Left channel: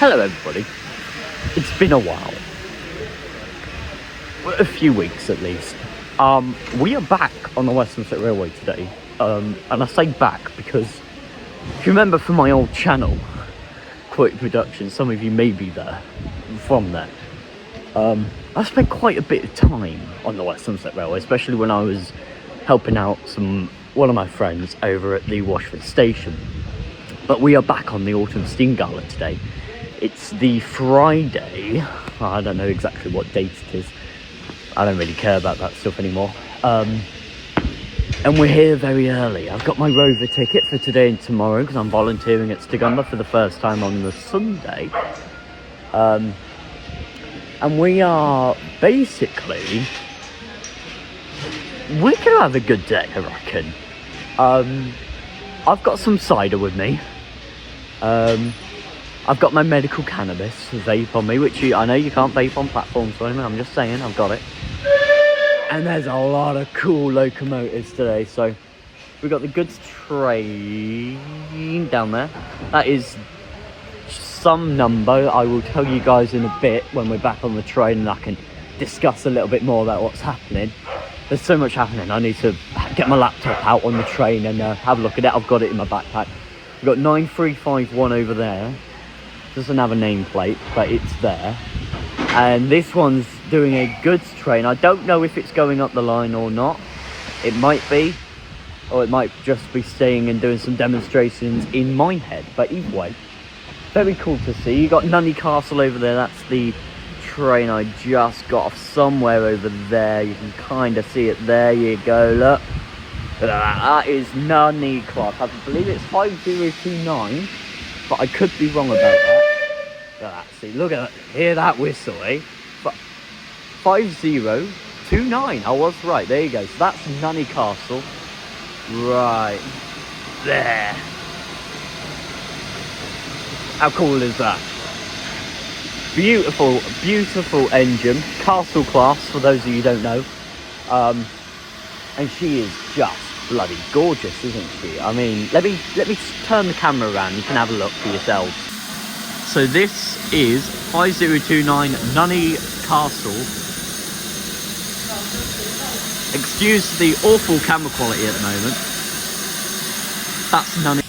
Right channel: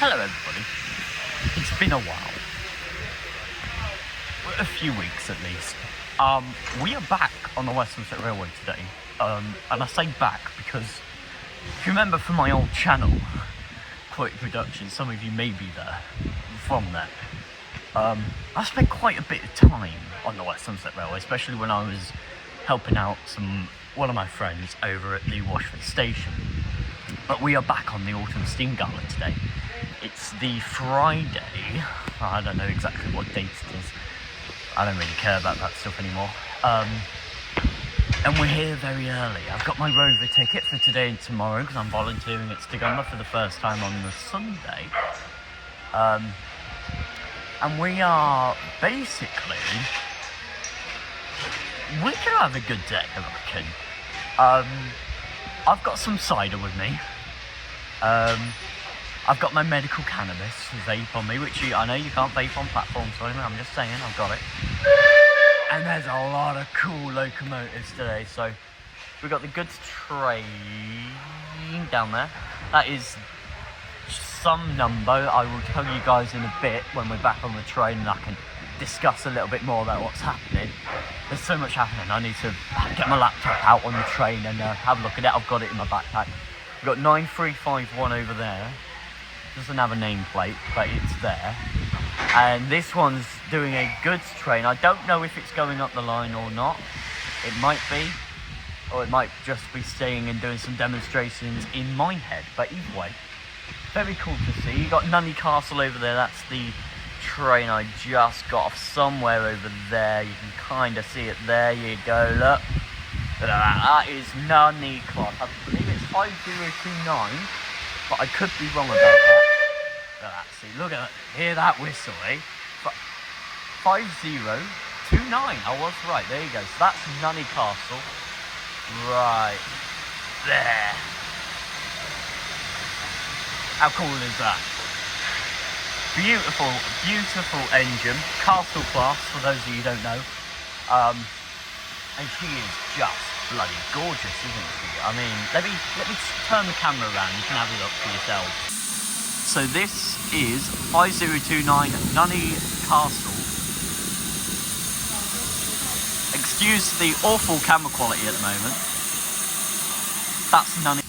Hello everybody, it's been a while, a few weeks at least. We are back on the West Somerset Railway today, and I say back because if you remember from my old channel, Quality Production, some of you may be there, from there. I spent quite a bit of time on the West Somerset Railway, especially when I was helping out one of my friends over at the Watchet station. But we are back on the Autumn Steam Gala today. It's the Friday, I don't know exactly what date it is, I don't really care about that stuff anymore. And we're here very early. I've got my Rover ticket for today and tomorrow because I'm volunteering at Stigumber for the first time on the Sunday. And we are basically, we're gonna have a good day, I reckon. I've got some cider with me. I've got my medical cannabis vape on me, which I know you can't vape on platforms, so I'm just saying, I've got it. And there's a lot of cool locomotives today. So we've got the goods train down there. That is some number. I will tell you guys in a bit when we're back on the train and I can discuss a little bit more about what's happening. There's so much happening. I need to get my laptop out on the train and have a look at it. I've got it in my backpack. We've got 9351 over there. Doesn't have a nameplate, but it's there. And this one's doing a goods train. I don't know if it's going up the line or not. It might be, or it might just be staying and doing some demonstrations in Minehead. But either way, very cool to see. You got Nunney Castle over there. That's the train I just got off somewhere over there. You can kind of see it. There you go, look. That is Nunney Class. I believe it's 5029, but I could be wrong about that. See, look at that. Hear that whistle, eh? But 5029. I was right. There you go. So that's Nunney Castle. Right there. How cool is that? Beautiful, beautiful engine. Castle class, for those of you who don't know. And she is just bloody gorgeous, isn't she? I mean, let me turn the camera around. You can have a look for yourselves. So this is 5029 Nunney Castle. Excuse the awful camera quality at the moment. That's Nunney.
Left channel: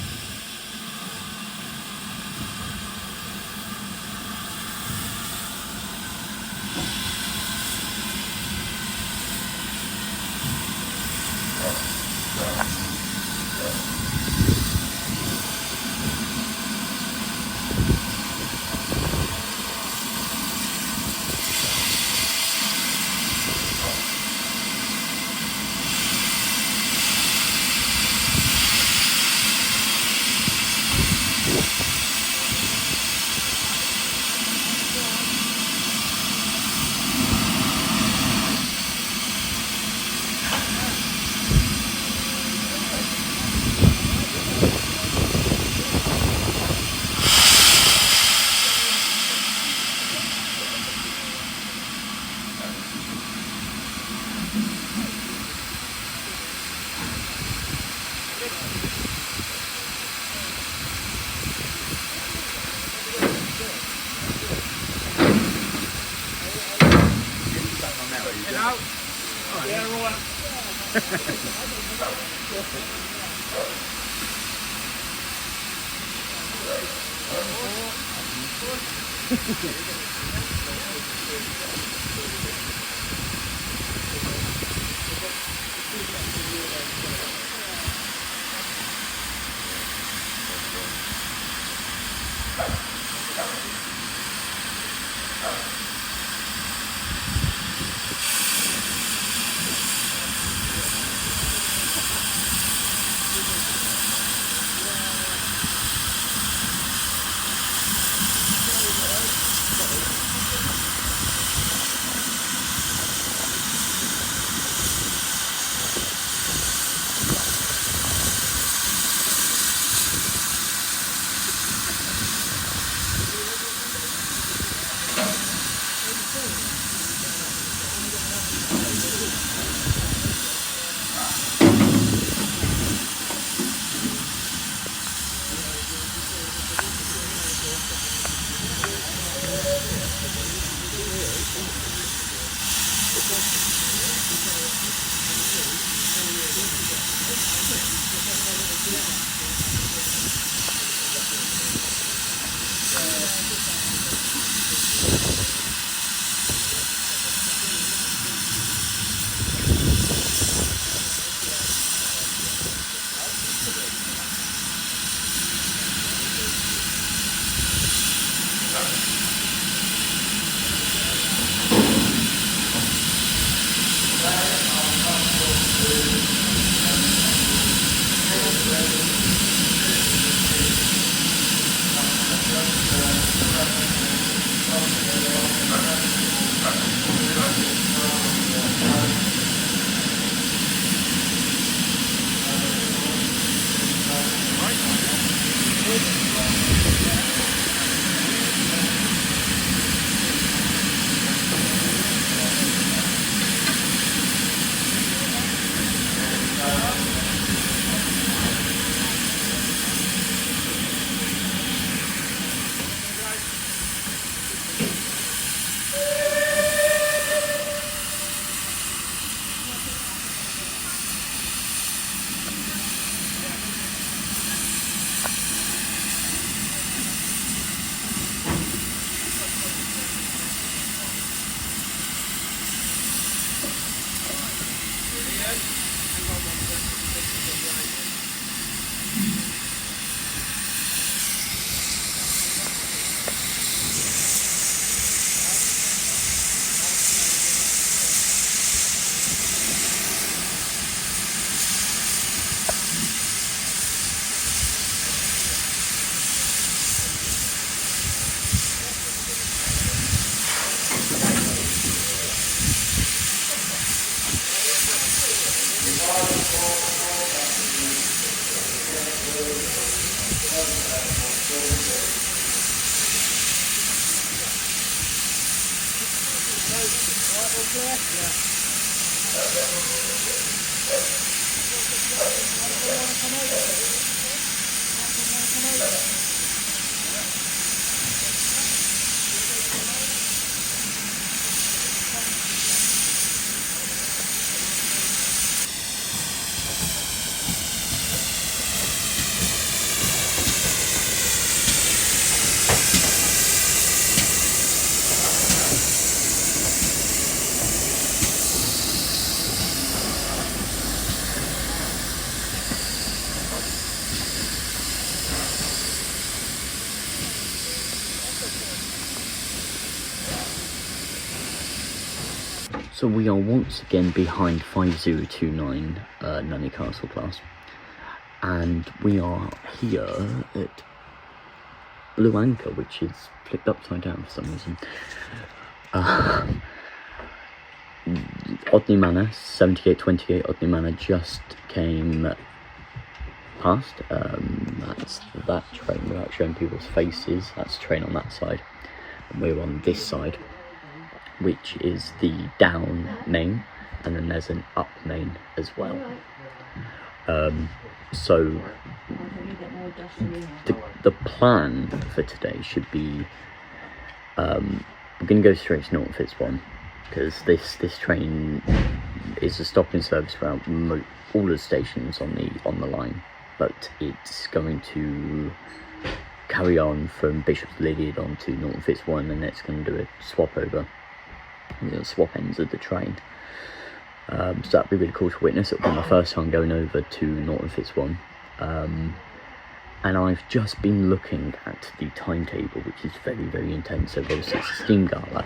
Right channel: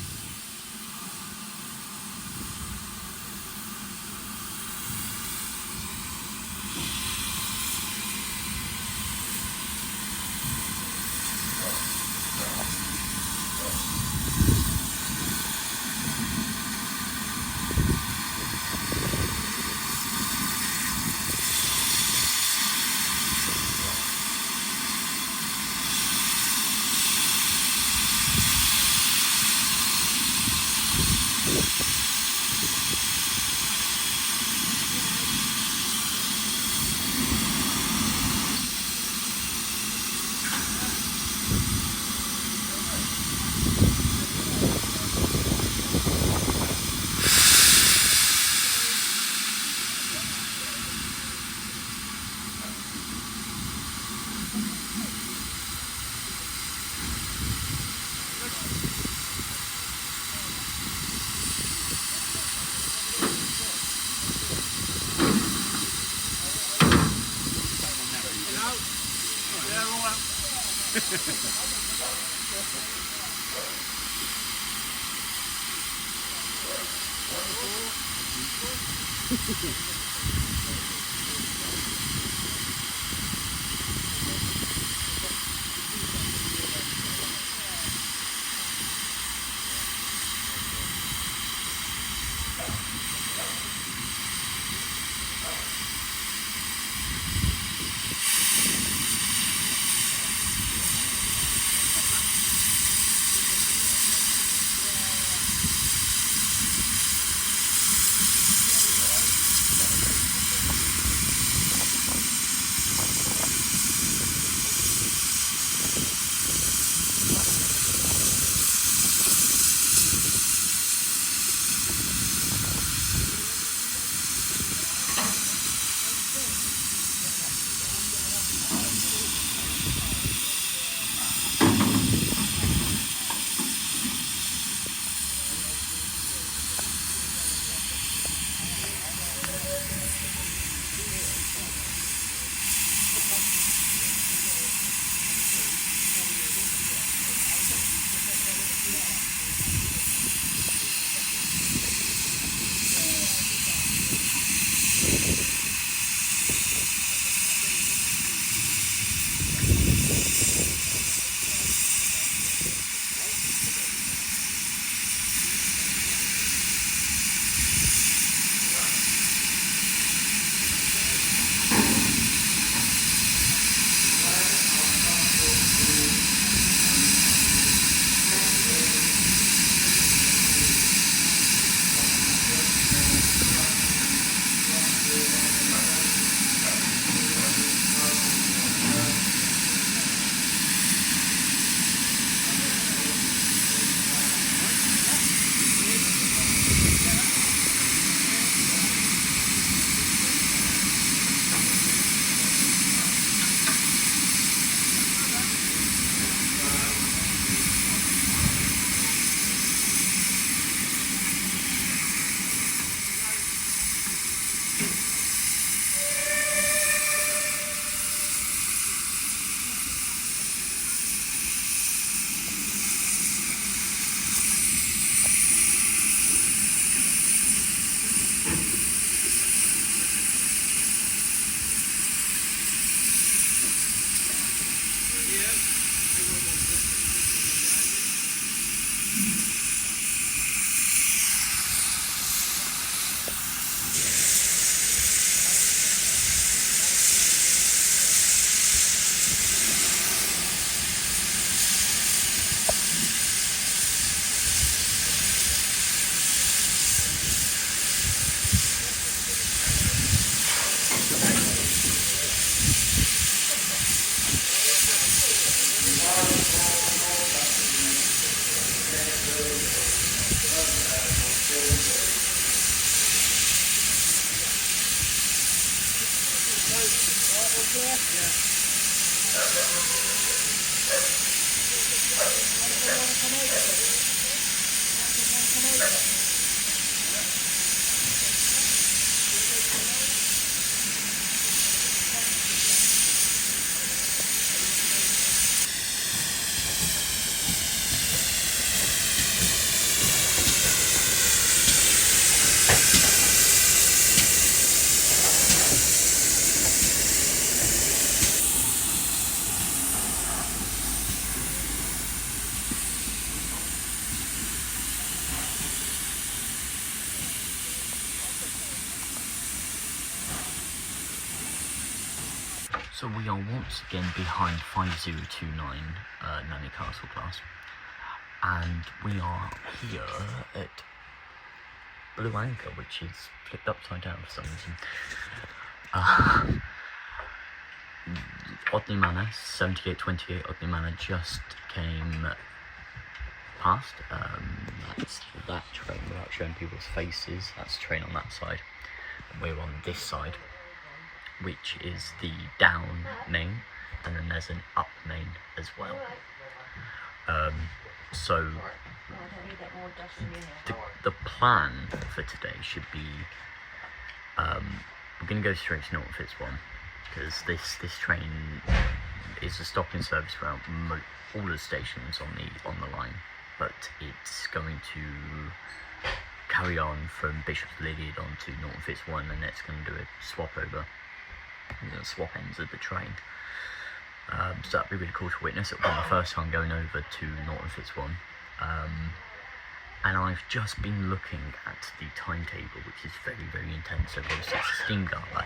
So we are once again behind 5029 Nunny Castle class, and we are here at Blue Anchor, which is flipped upside down for some reason. Odney Manor, 7828 Odney Manor just came past. That's that train without showing people's faces. That's the train on that side, and we're on this side, which is the down main, and then there's an up main as well. So the plan for today should be, we're going to go straight to Norton Fitzwarren, because this train is a stopping service for all the stations on the line, but it's going to carry on from Bishop's Lydeard on to Norton Fitzwarren, and it's going to do a swap over. Swap ends of the train, so that'd be really cool to witness. It'll be my first time going over to Norton Fitzwarren, and I've just been looking at the timetable, which is very, very intense. So obviously it's a Steam Gala,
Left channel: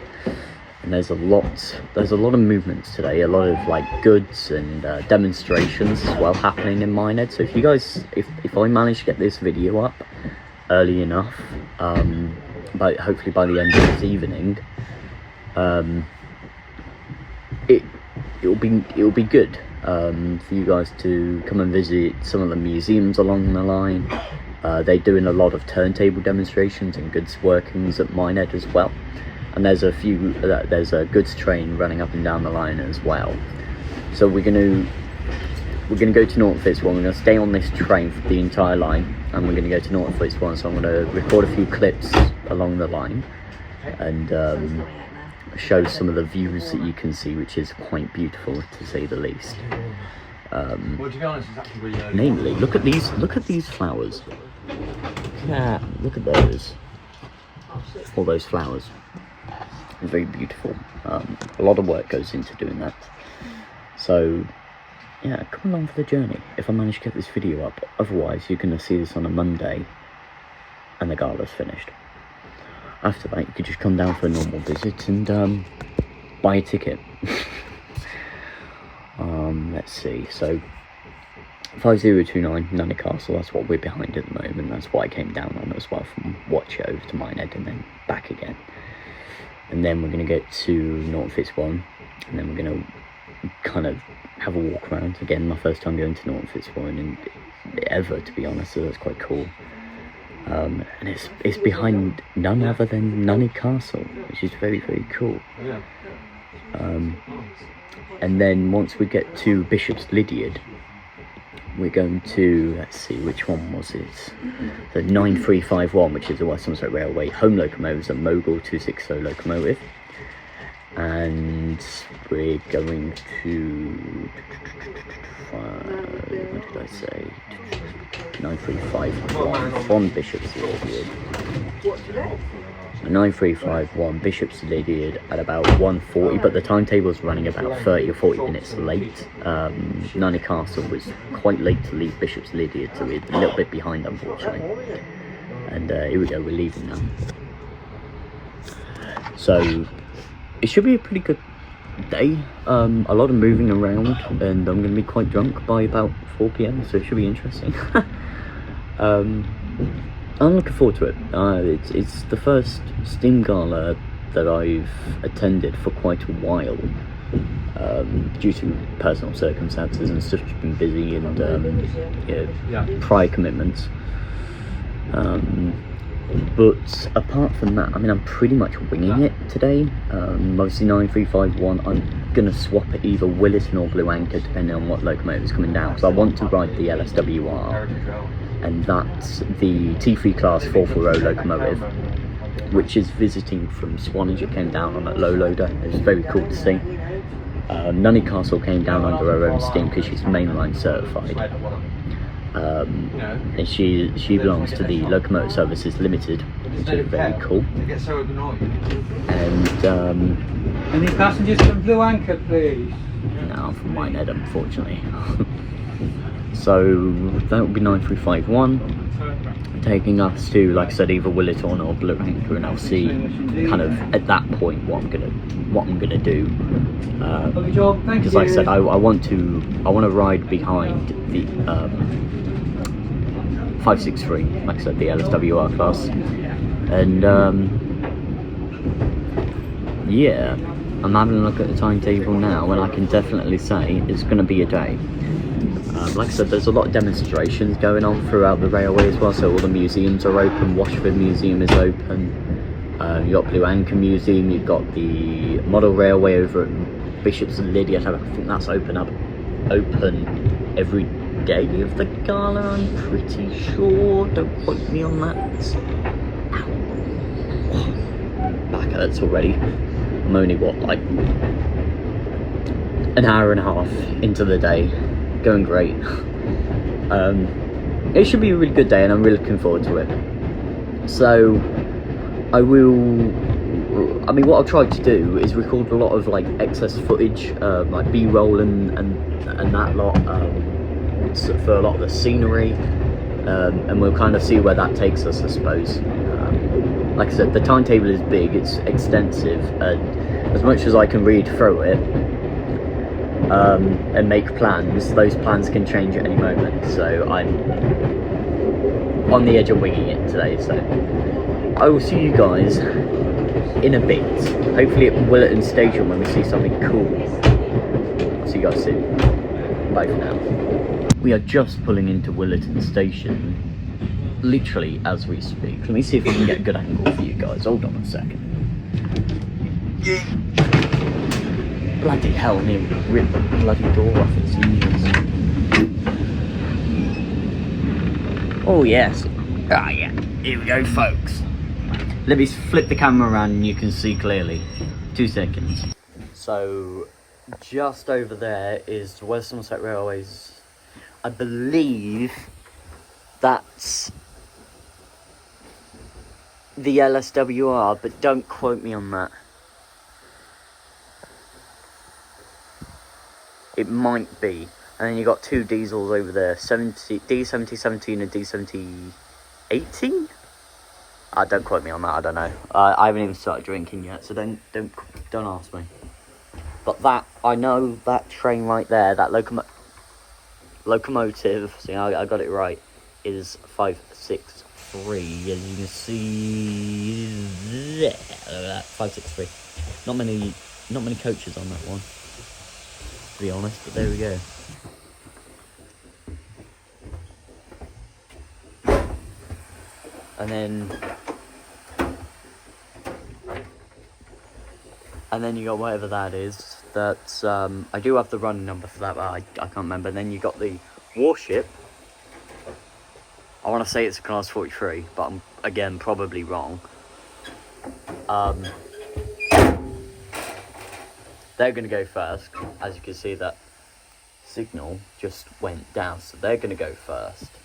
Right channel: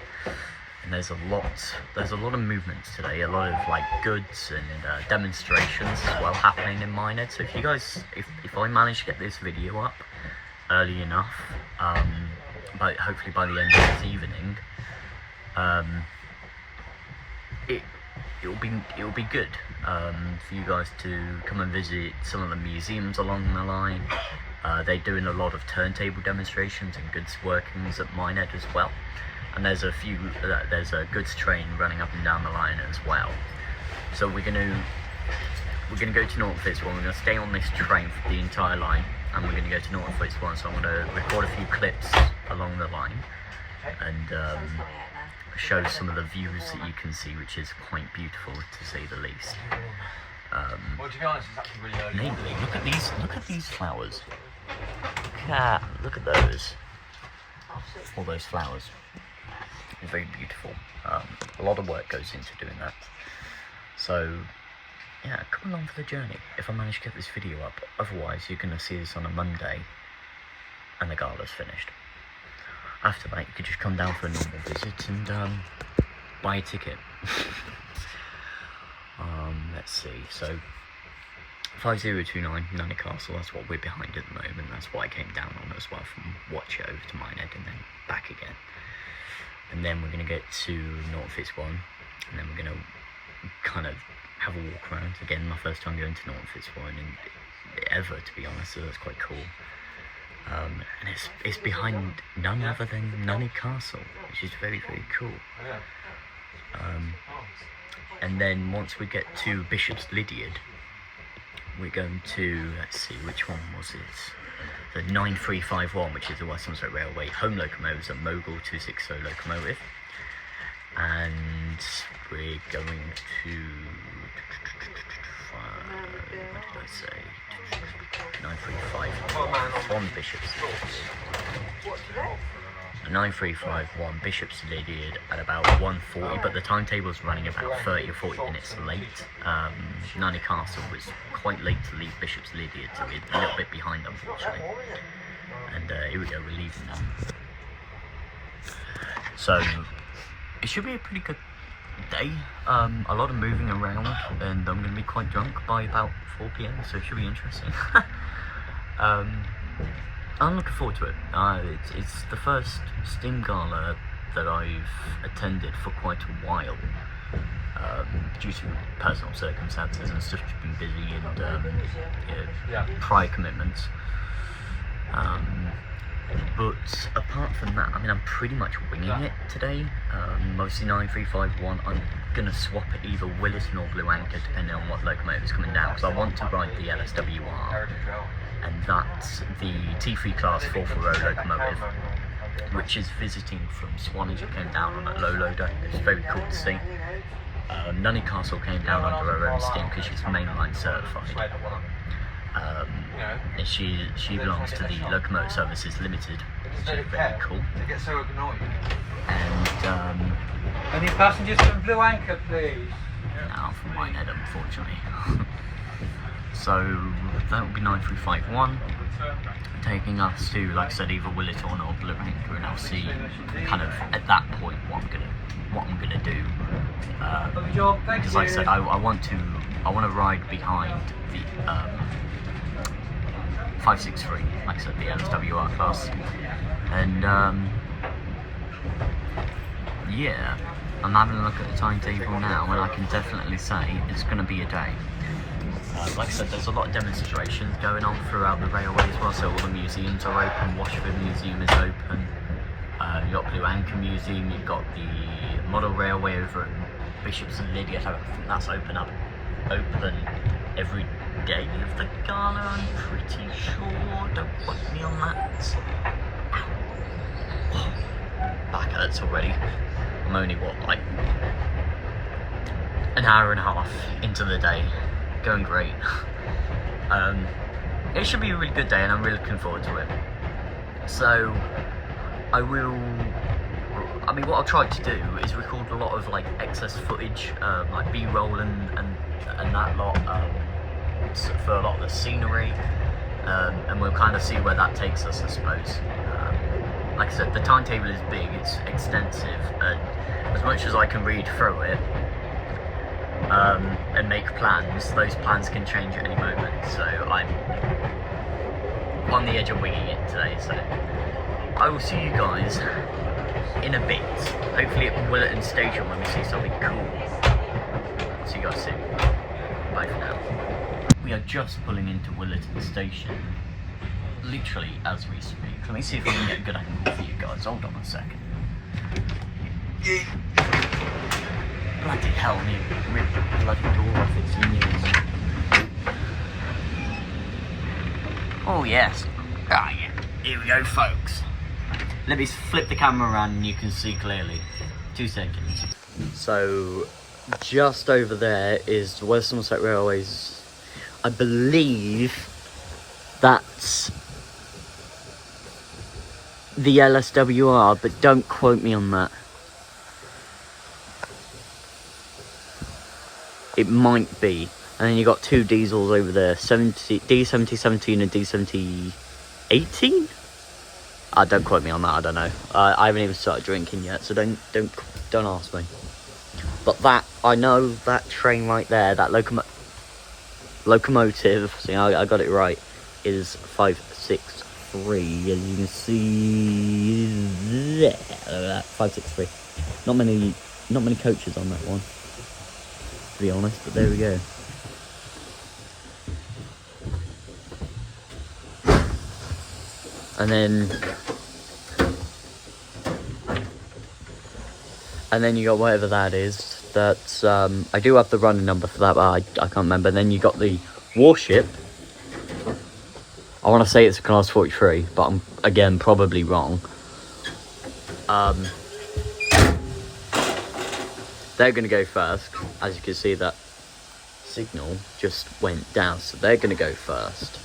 and there's a lot of movements today, a lot of like goods and demonstrations as well happening in Minehead. So if you guys, if I manage to get this video up early enough, hopefully by the end of this evening, it'll be good for you guys to come and visit some of the museums along the line. They're doing a lot of turntable demonstrations and goods workings at Minehead as well, and there's a goods train running up and down the line as well. So we're gonna go to Norton Fitzwarren. We're gonna stay on this train for the entire line, and we're gonna go to Norton Fitzwarren. So I'm gonna record a few clips along the line and show some of the views that you can see, which is quite beautiful to say the least. Namely, look at these flowers. Look at those. All those flowers. Very beautiful. A lot of work goes into doing that. So yeah, come along for the journey if I manage to get this video up. Otherwise you're going to see this on a Monday and the gala's finished. After that, you could just come down for a normal visit and buy a ticket. Let's see, so 5029 Nunny Castle, that's what we're behind at the moment. That's what I came down on as well, from Watchet over to Minehead and then back again. And then we're going to get to Norton Fitzwarren, and then we're going to kind of have a walk around. Again, my first time going to Norton Fitzwarren ever, to be honest, so that's quite cool. And it's behind none other than Nunny Castle, which is very, very cool. And then once we get to Bishop's Lydeard, we're going to, let's see, which one was it? The 9351, which is the West Somerset Railway home locomotive, a Mogul 260 locomotive. And we're going to, what did I say? 9351 Bishop's Lydeard. 9351 Bishop's Lydeard at about 1:40, but the timetable's running about 30 or 40 minutes late. Nunny Castle was quite late to leave Bishop's Lydeard, so we're a little bit behind, unfortunately. And here we go, we're leaving now. So it should be a pretty good day. A lot of moving around, and I'm going to be quite drunk by about 4 PM, so it should be interesting. I'm looking forward to it. It's the first Steam Gala that I've attended for quite a while, due to personal circumstances and stuff. Just been busy and prior commitments. But apart from that, I mean, I'm pretty much winging it today. Obviously 9351, I'm gonna swap at either Williton or Blue Anchor depending on what locomotive's coming down, because I want to ride the LSWR, and that's the T3 class 440 locomotive, which is visiting from Swanage. It came down on a low loader. It was very cool to see. Nunny Castle came down under her own steam because she's mainline certified. And she belongs to the Locomotive Services Limited, which is very cool. And any passengers from Blue Anchor, please? No, from Minehead, unfortunately. So that would be 9351, taking us to, like I said, either Williton or Blue Anchor, and I'll see kind of at that point what I'm gonna do. Because like I said, I want to ride behind the 563, like I said, the LSWR class, and yeah, I'm having a look at the timetable now, and I can definitely say it's going to be a day. Like I said, there's a lot of demonstrations going on throughout the railway as well, so all the museums are open. Watchet Museum is open, you've got Blue Anchor Museum, you've got the Model Railway over at Bishop's and Lydia. I think that's open every day of the gala, I'm pretty sure. Don't quote me on that. Ow. Back hurts already. I'm only like an hour and a half into the day. Going great. It should be a really good day, and I'm really looking forward to it. So I mean, what I've tried to do is record a lot of like excess footage, like B-roll and that lot, for a lot of the scenery, and we'll kind of see where that takes us, I suppose. Like I said, the timetable is big, it's extensive, and as much as I can read through it and make plans, those plans can change at any moment. So I'm on the edge of winging it today. So I will see you guys in a bit, hopefully at Williton Station when we see something cool. See you guys soon. Bye for now. We are just pulling into Williton Station, literally as we speak. Let me see if I can get a good angle for you guys. Hold on a second. Bloody hell, nearly ripped the bloody door off its hinges. Oh yes. Ah yeah. Here we go, folks. Let me flip the camera around and you can see clearly. 2 seconds. So, just over there is the West Somerset Railway's, I believe that's the LSWR, but don't quote me on that. It might be. And then you got 2 diesels over there, D7017 and D7018? Don't quote me on that, I don't know. I haven't even started drinking yet, so don't ask me. But that, I know that train right there, that locomotive, see, I got it right, is 563, as you can see there. 563. Not many coaches on that one, to be honest, but there we go. And then you got whatever that is. That's I do have the running number for that, but I can't remember. And then you got the warship. I want to say it's a class 43, but I'm again probably wrong. They're going to go first. As you can see, that signal just went down, so they're going to go first.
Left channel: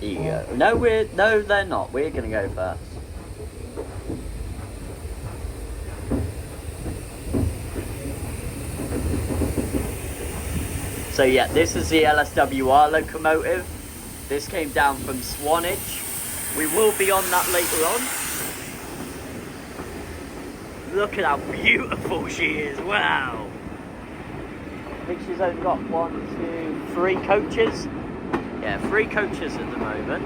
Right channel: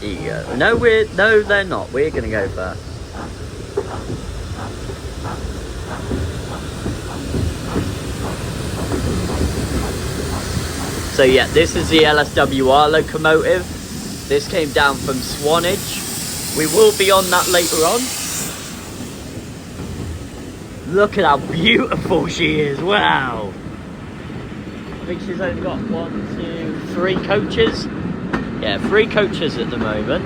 Here you go. No, they're not. We're going to go first. So yeah, this is the LSWR locomotive. This came down from Swanage. We will be on that later on. Look at how beautiful she is, wow. I think she's only got 1, 2, 3 coaches. Yeah, 3 coaches at the moment.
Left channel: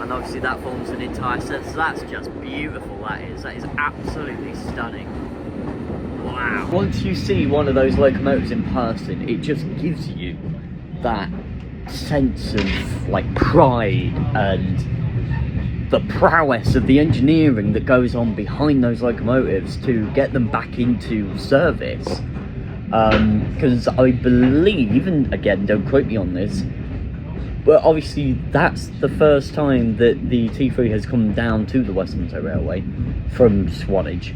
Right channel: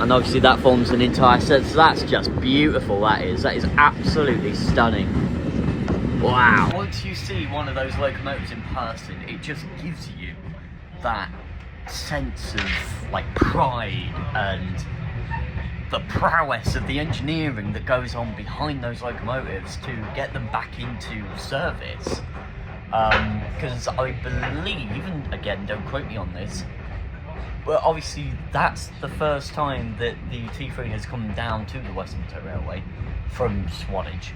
and obviously that forms an entire set, so that's just beautiful. That is absolutely stunning. Wow. Once you see one of those locomotives in person, it just gives you that sense of like pride and the prowess of the engineering that goes on behind those locomotives to get them back into service. Because I believe, and again, don't quote me on this, but obviously that's the first time that the T3 has come down to the West Somerset Railway from Swanage.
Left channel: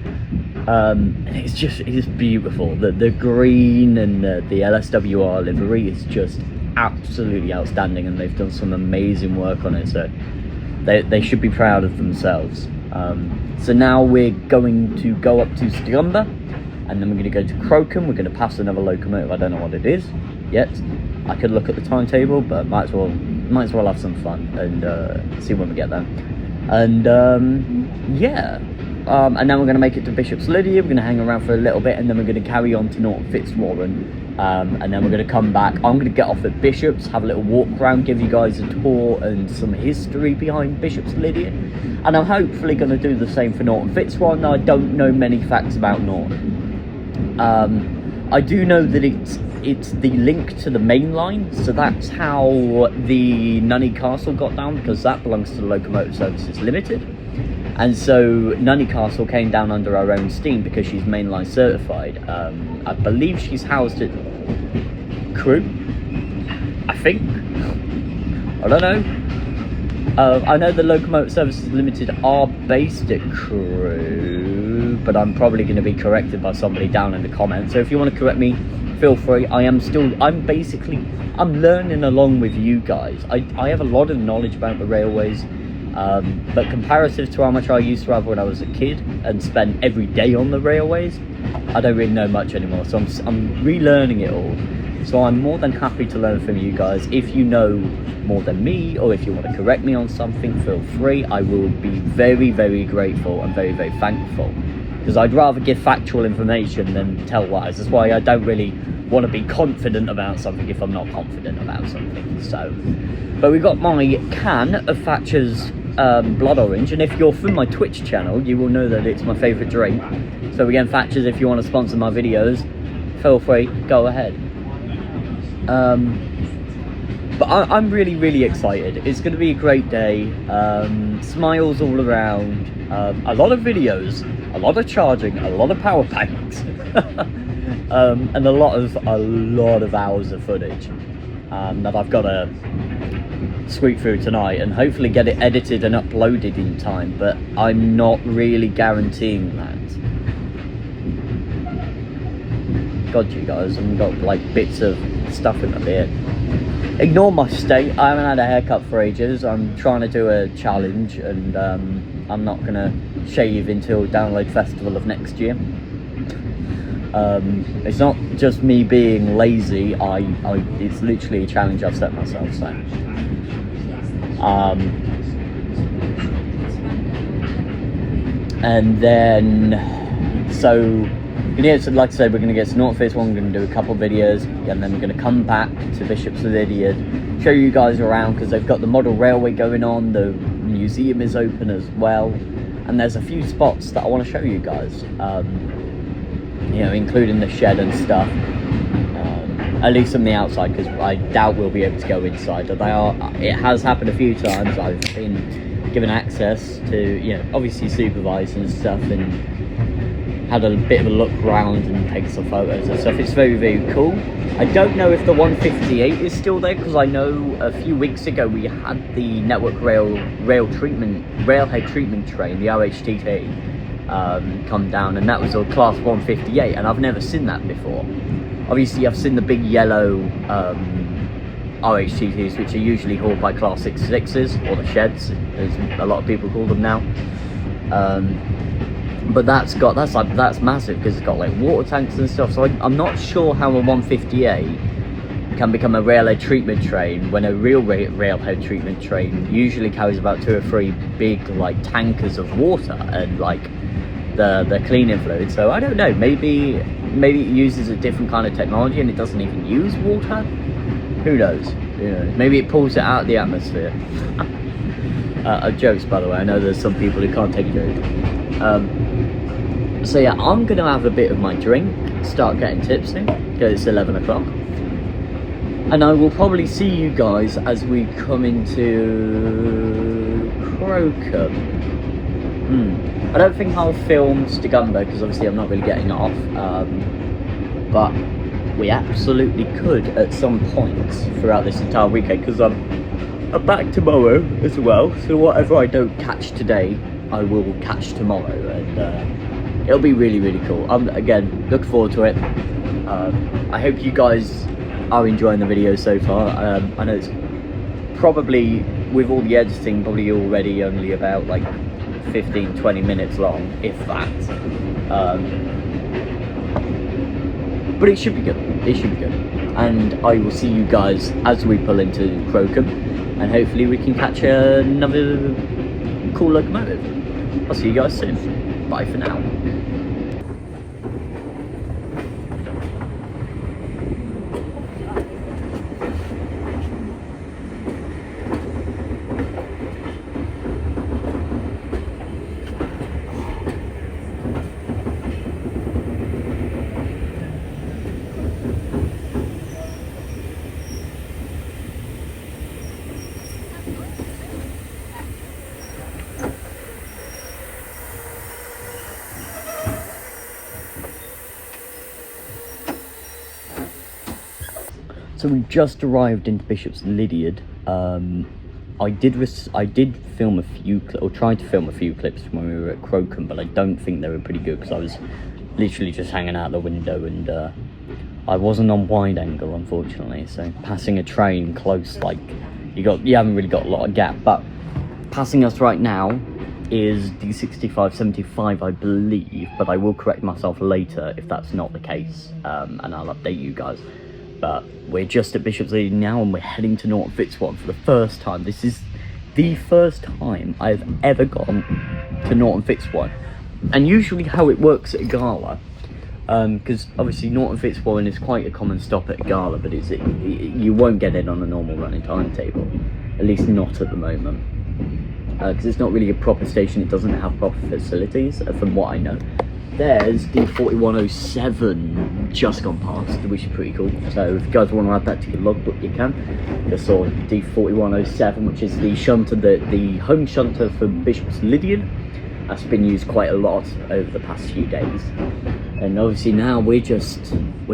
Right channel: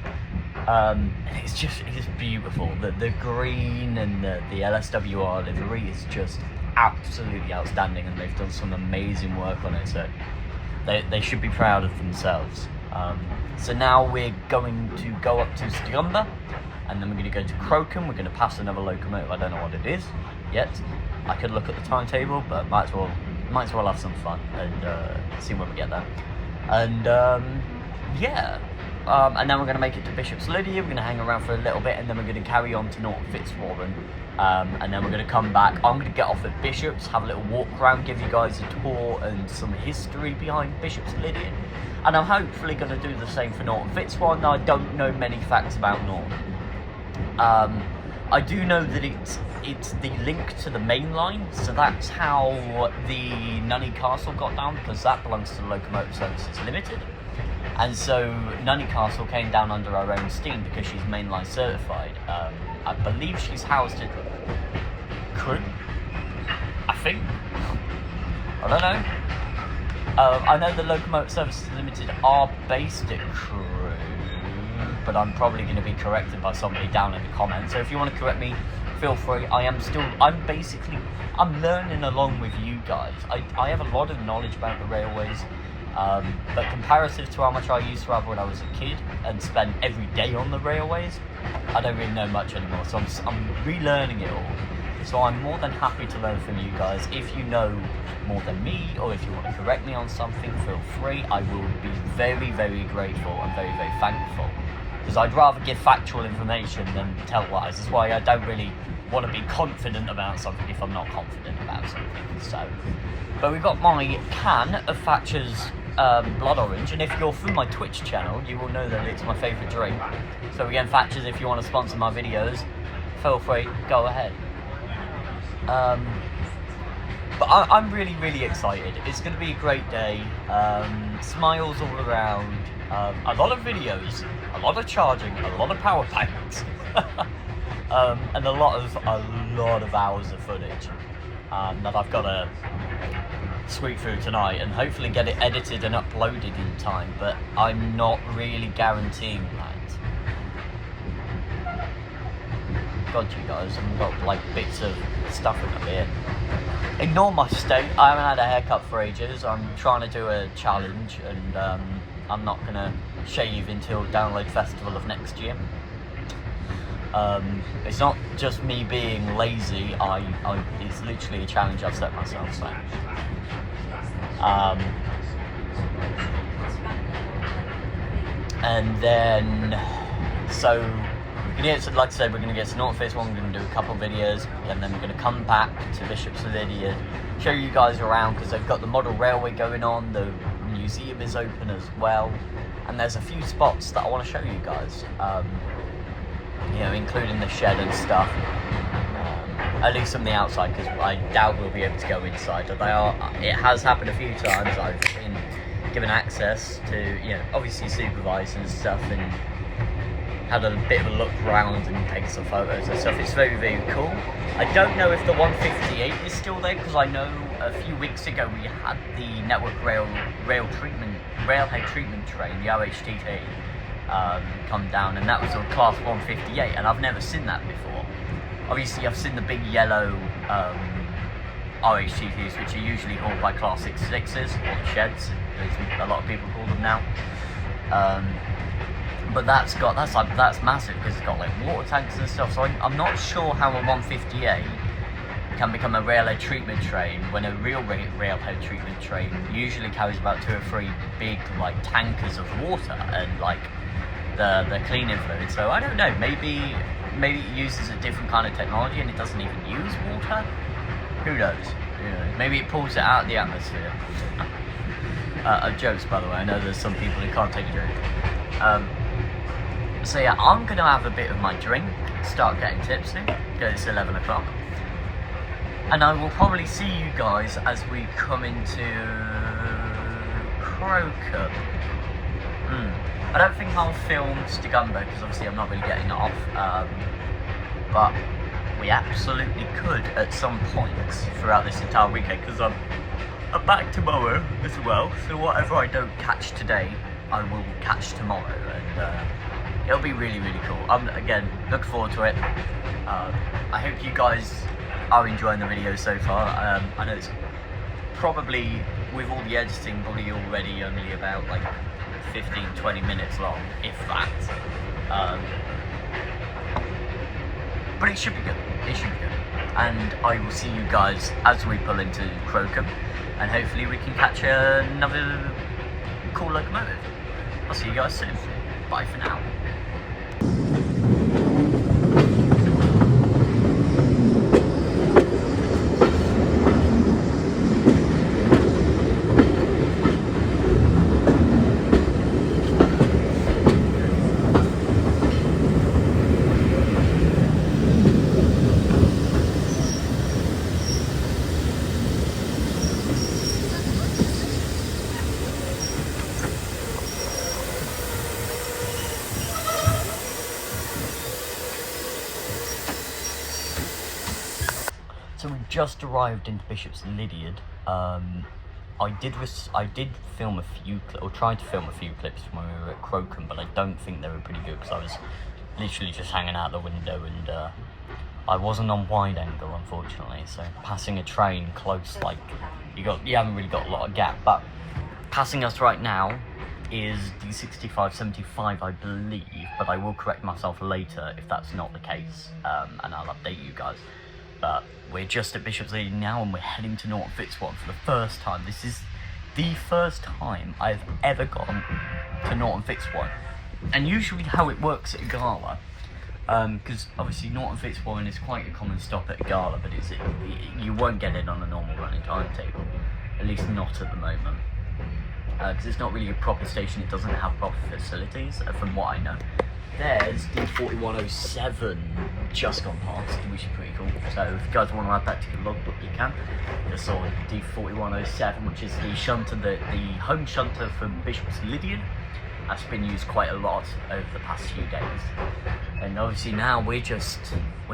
It's just beautiful. The green and the LSWR livery is just absolutely outstanding, and they've done some amazing work on it, so they should be proud of themselves. So now we're going to go up to Stigunda, and then we're going to go to Crocombe. We're going to pass another locomotive. I don't know what it is yet. I could look at the timetable, but might as well have some fun and see when we get there. And yeah, and then we're going to make it to Bishop's Lydia. We're going to hang around for a little bit, and then we're going to carry on to Norton Fitzwarren. And then we're going to come back. I'm going to get off at Bishop's, have a little walk around, give you guys a tour and some history behind Bishop's Lydia. And I'm hopefully going to do the same for Norton Fitzwarren. Now, I don't know many facts about Norton. I do know that it's the link to the main line, so that's how the Nunney Castle got down, because that belongs to the Locomotive Services Limited. And so Nunney Castle came down under her own steam because she's mainline certified. I believe she's housed at Crewe, I think. I don't know. I know the Locomotive Services Limited are based at Crewe, but I'm probably going to be corrected by somebody down in the comments. So if you want to correct me, feel free. I'm learning along with you guys. I have a lot of knowledge about the railways. But comparative to how much I used to have when I was a kid and spent every day on the railways, I don't really know much anymore, so I'm relearning it all. So I'm more than happy to learn from you guys. If you know more than me, or if you want to correct me on something, feel free. I will be very, very grateful and very, very thankful, because I'd rather give factual information than tell lies. That's why I don't really want to be confident about something if I'm not confident about something. So, but we got my can of Thatcher's Blood Orange, and if you're from my Twitch channel, you will know that it's my favourite drink. So again, Thatcher's, if you want to sponsor my videos, feel free, go ahead. But I'm really, really excited. It's going to be a great day. Smiles all around. A lot of videos, a lot of charging, a lot of power banks, and a lot of hours of footage that I've got to squeak through tonight, and hopefully get it edited and uploaded in time. But I'm not really guaranteeing that. God, you guys, I've got like bits of stuff in my beard. Ignore my state. I haven't had a haircut for ages. I'm trying to do a challenge, and I'm not gonna shave until Download Festival of next year. It's not just me being lazy. It's literally a challenge I've set myself. So, and then yeah, so like I said, we're going to get to Norton Fitzwarren, we're going to do a couple videos, and then we're going to come back to Bishop's Lydia, show you guys around, because they've got the model railway going on, the museum is open as well, and there's a few spots that I want to show you guys, you know, including the shed and stuff, at least on the outside, because I doubt we'll be able to go inside. It has happened a few times. I've been given access to, you know, obviously supervise and stuff, and had a bit of a look around and take some photos and stuff. It's very, very cool. I don't know if the 158 is still there, because I know a few weeks ago we had the Network Railhead treatment train, the RHTT, come down, and that was a class 158, and I've never seen that before. Obviously I've seen the big yellow RHTTs, which are usually hauled by class 66s, or the sheds, as a lot of people call them now. But that's massive, because it's got like water tanks and stuff. So I'm not sure how a 158 can become a railhead treatment train when a real railhead treatment train usually carries about 2 or 3 big like tankers of water and like the cleaning fluid. So I don't know, maybe it uses a different kind of technology and it doesn't even use water. Who knows? Maybe it pulls it out of the atmosphere. Jokes, by the way. I know there's some people who can't take a joke. So yeah, I'm gonna have a bit of my drink, start getting tipsy, because it's 11 o'clock. And I will probably see you guys as we come into Crocombe. I don't think I'll film Stigumber, because obviously I'm not really getting it off. But we absolutely could at some points throughout this entire weekend, because I'm back tomorrow as well. So whatever I don't catch today, I will catch tomorrow. And it'll be really, really cool. Again, looking forward to it. I hope you guys are enjoying the video so far. I know it's probably, with all the editing, probably already only about like 15-20 minutes long, if that. But it should be good. It should be good. And I will see you guys as we pull into Crocombe, and hopefully we can catch another cool locomotive. I'll see you guys soon. Bye for now. So we just arrived into Bishop's Lydeard. I did film a few, or tried to film a few clips when we were at Crocombe, but I don't think they were pretty good because I was literally just hanging out the window, and I wasn't on wide angle, unfortunately. So passing a train close, like you haven't really got a lot of gap. But passing us right now is D6575, I believe, but I will correct myself later if that's not the case, and I'll update you guys. But we're just at Bishop's Lydeard now, and we're heading to Norton Fitzwarren for the first time. This is the first time I've ever gone to Norton Fitzwarren. And usually how it works at a gala, because obviously Norton Fitzwarren is quite a common stop at a gala, but you won't get it on a normal running timetable, at least not at the moment. Because it's not really a proper station, it doesn't have proper facilities, from what I know. There's D4107 just gone past, which is pretty cool. So if you guys want to add that to your logbook, you can. Just saw D4107, which is the shunter, the home shunter for Bishop's Lydeard. That's been used quite a lot over the past few days. And obviously now we're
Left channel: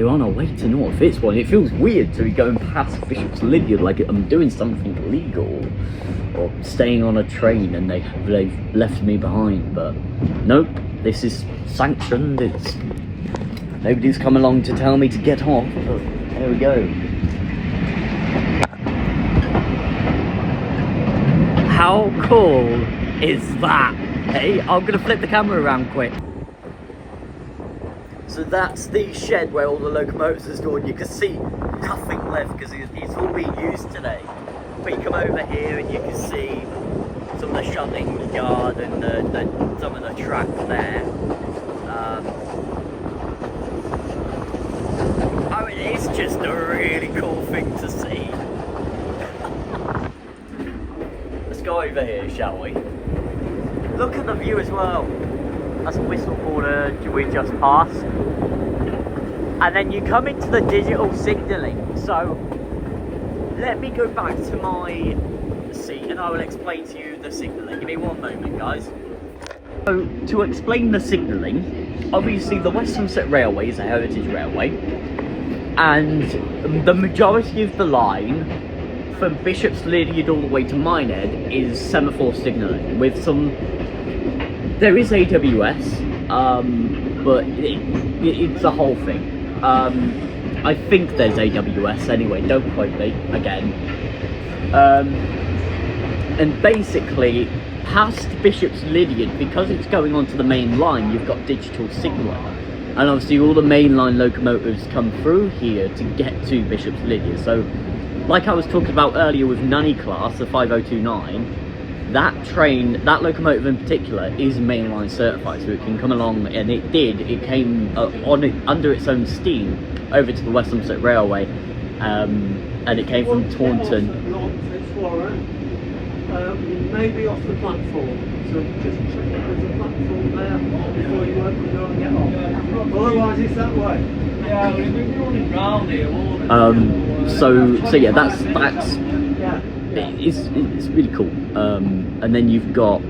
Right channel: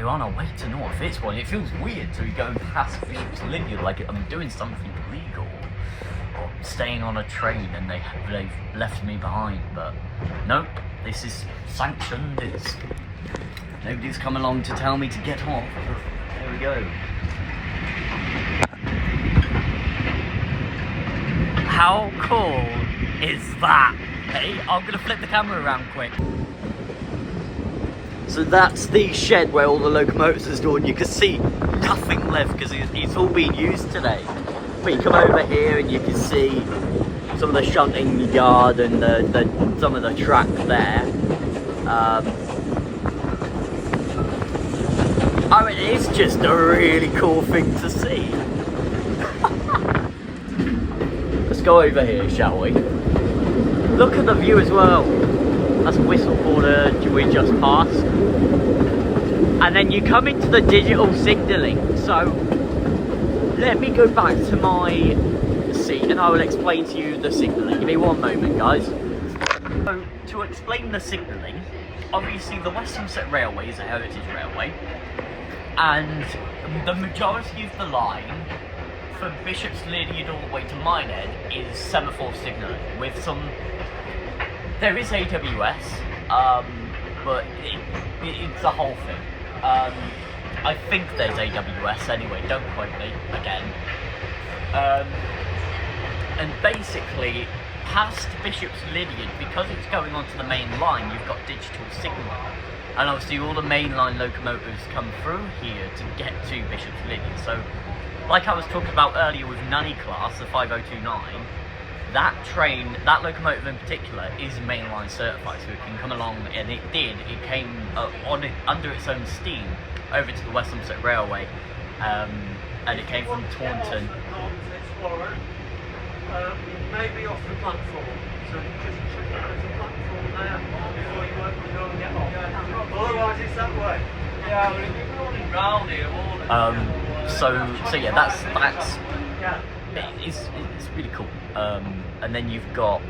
on our way to Norton Fitzwarren. It feels weird to be going past Bishop's Lydeard like I'm doing something illegal, or staying on a train and they've left me behind, but nope. This is sanctioned. Nobody's come along to tell me to get off. But there we go. How cool is that? Hey, I'm gonna flip the camera around quick. So that's the shed where all the locomotives are stored. You can see nothing left because it's all been used today. But you come over here and you can see some of the shunting yard and some of the track there. I mean, it's just a really cool thing to see. Let's go over here, shall we? Look at the view as well. That's Whistle Border we just passed. And then you come into the digital signalling. So let me go back to my seat and I will explain to you the signalling. Give me one moment, guys. So to explain the signalling, obviously the West Somerset Railway is a heritage railway, and the majority of the line from Bishop's Lydeard all the way to Minehead is semaphore signalling with some. There is AWS, but it's a whole thing. I think there's AWS anyway, don't quote me again. And basically, past Bishop's Lydeard, because it's going onto the main line, you've got digital signalling. And obviously all the mainline locomotives come through here to get to Bishop's Lydeard. So, like I was talking about earlier with Nunny class, the 5029, that train, that locomotive in particular, is mainline certified, so it can come along, and it came under its own steam over to the West Somerset Railway, and it came from Taunton. maybe off the platform. So just check if there's a platform there before you work and go and get off. Otherwise it's that way. Yeah, we've been running round here all the So yeah, that's it's really cool. And then you've got,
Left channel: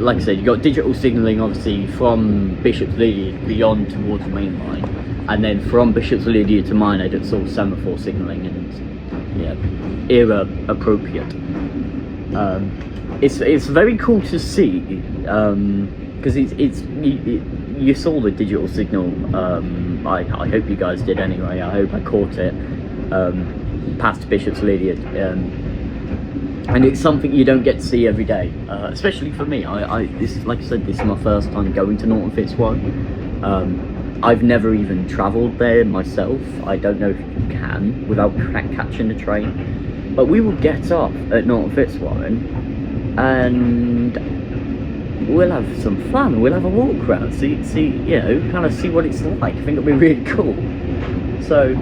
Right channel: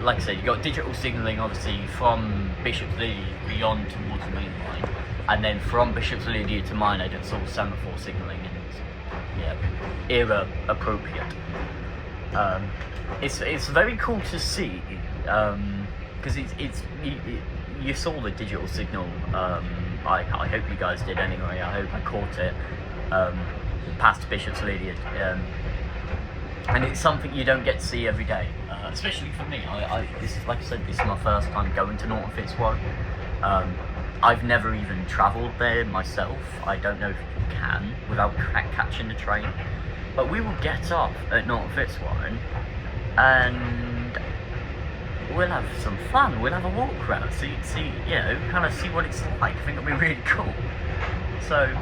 like I said, you've got digital signalling obviously from Bishop's Lydia beyond towards the main line, and then from Bishop's Lydia to Minehead it's all semaphore signalling, and it's era appropriate. It's very cool to see, because you saw the digital signal. I hope you guys did anyway. I hope I caught it past Bishop's Lydia, and it's something you don't get to see every day, especially for me. This, like I said, this is my first time going to Norton Fitzwarren. I've never even travelled there myself. I don't know if you can without catching the train, but we will get off at Norton Fitzwarren and we'll have some fun. We'll have a walk around, see, kind of see what it's like. I think it'll be really cool. So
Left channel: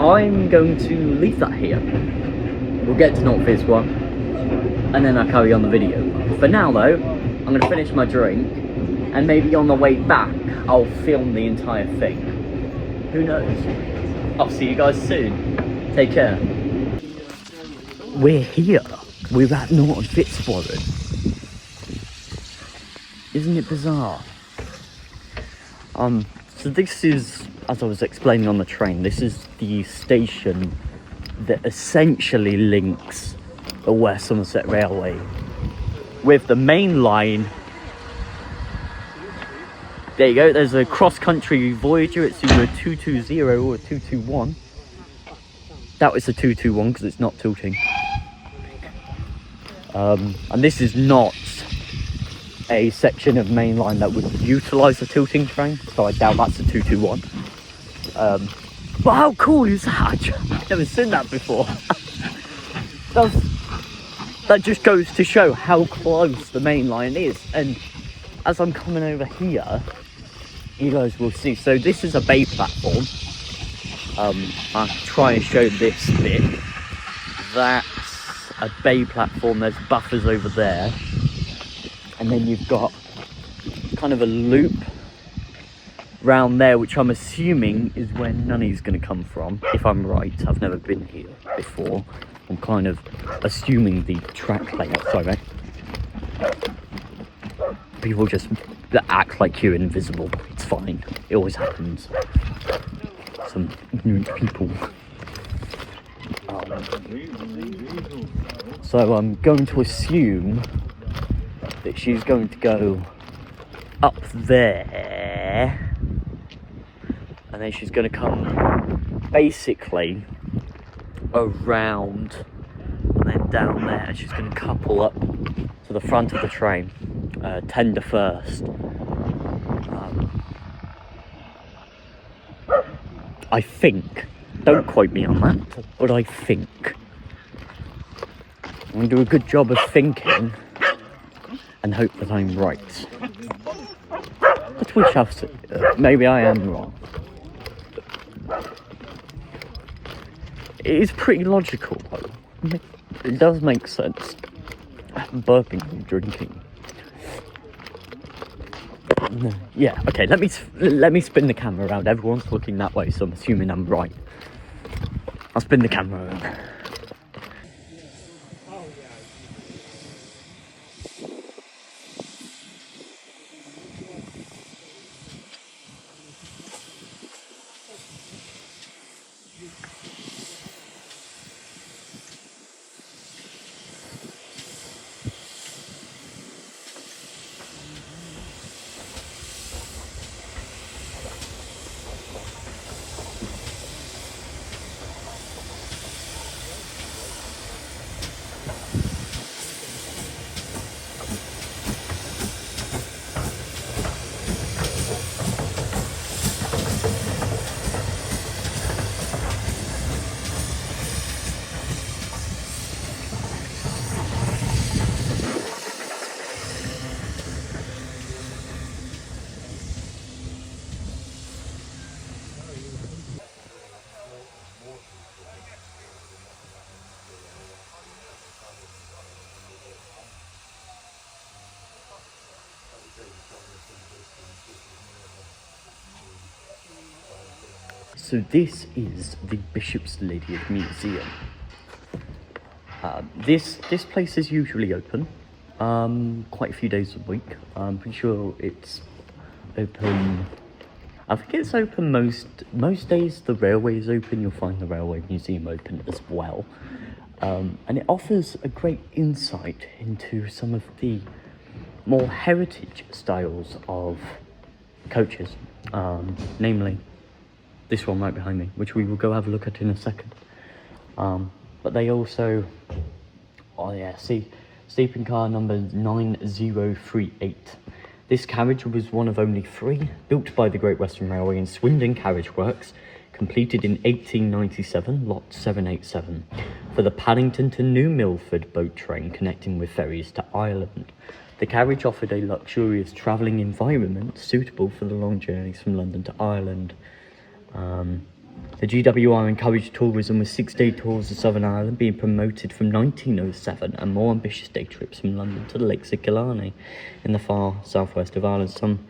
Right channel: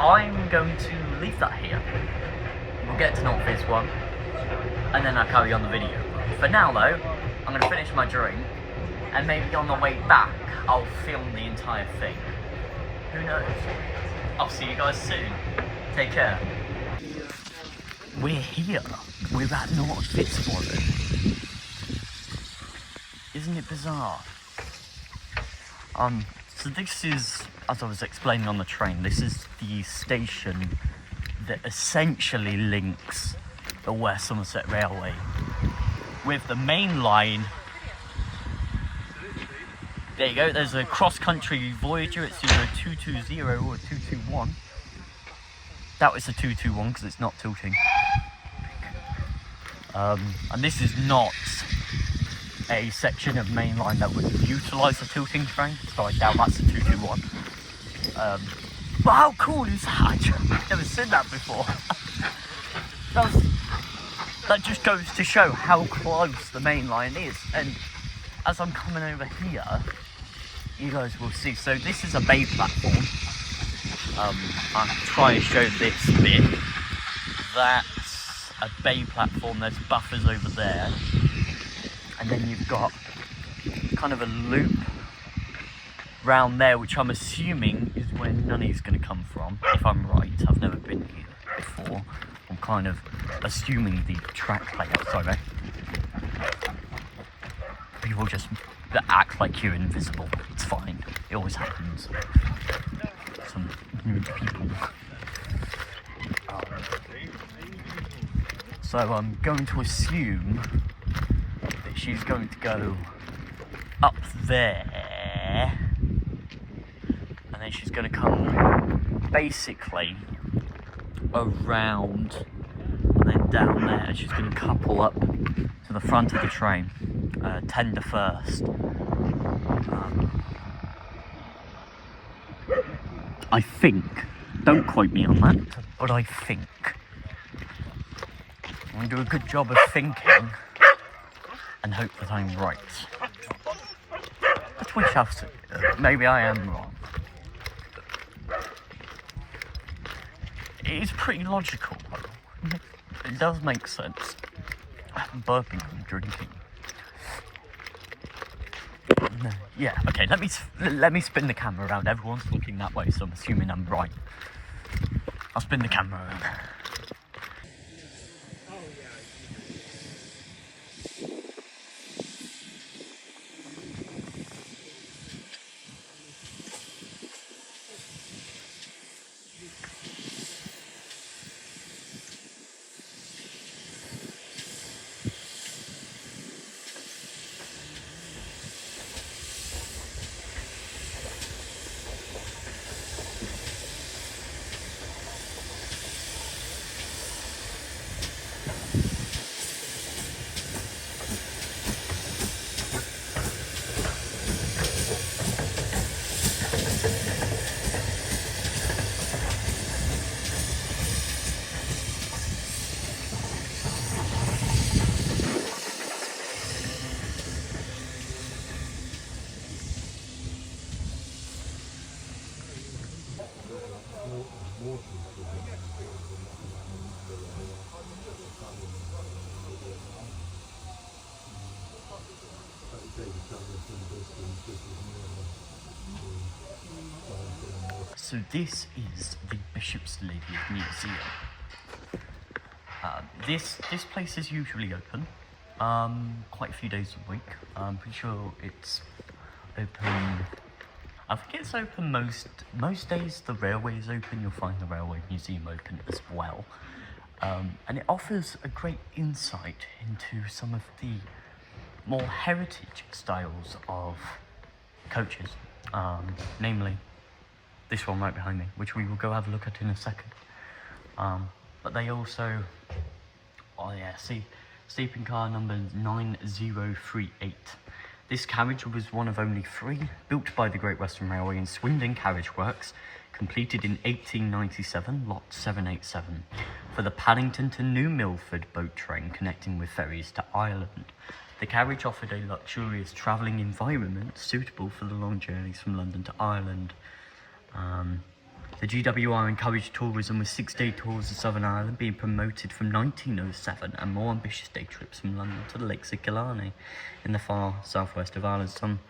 I'm going to leave that here. We'll get to Norton Fitzwarren and then I'll carry on the video. For now though, I'm going to finish my drink, and maybe on the way back I'll film the entire thing. Who knows? I'll see you guys soon. Take care. We're here. We're at Norton Fitzwarren. Isn't it bizarre? So this is, as I was explaining on the train, this is the station that essentially links the West Somerset Railway with the main line. There you go, there's a cross-country Voyager. It's either a 220 or a 221. That was a 221 because it's not tilting. And this is not a section of main line that would utilise the tilting train, so I doubt that's a 221. But how cool is that? I've never seen that before. That just goes to show how close the main line is. And as I'm coming over here, you guys will see. So this is a bay platform. I'll try and show this bit. That's a bay platform. There's buffers over there, and then you've got kind of a loop round there, which I'm assuming is where Nunny's going to come from, if I'm right. I've never been here before. I'm kind of assuming the track layout. Sorry, mate. People just act like you're invisible. It's fine. It always happens. Some ignorant people. So I'm going to assume that she's going to go up there, and then she's going to come basically around and then down there. She's going to couple up to the front of the train, tender first. I think, don't quote me on that, but I think I'm going to do a good job of thinking and hope that I'm right. But we shall see. Maybe I am wrong. It is pretty logical though. It does make sense. I'm burping and drinking. Yeah, okay, let me spin the camera around. Everyone's looking that way, so I'm assuming I'm right. I'll spin the camera around. So this is the Bishop's Lydiard Museum. This place is usually open quite a few days a week. I'm pretty sure it's open. I think it's open most days. The railway is open. You'll find the Railway Museum open as well, and it offers a great insight into some of the more heritage styles of coaches, namely this one right behind me, which we will go have a look at in a second. But they also, oh yeah, see, sleeping car number 9038. This carriage was one of only 3 built by the Great Western Railway in Swindon Carriage Works, completed in 1897, lot 787, for the Paddington to New Milford boat train connecting with ferries to Ireland. The carriage offered a luxurious travelling environment suitable for the long journeys from London to Ireland. The GWR encouraged tourism with 6-day tours of Southern Ireland being promoted from 1907 and more ambitious day trips from London to the Lakes of Killarney in the far southwest of Ireland.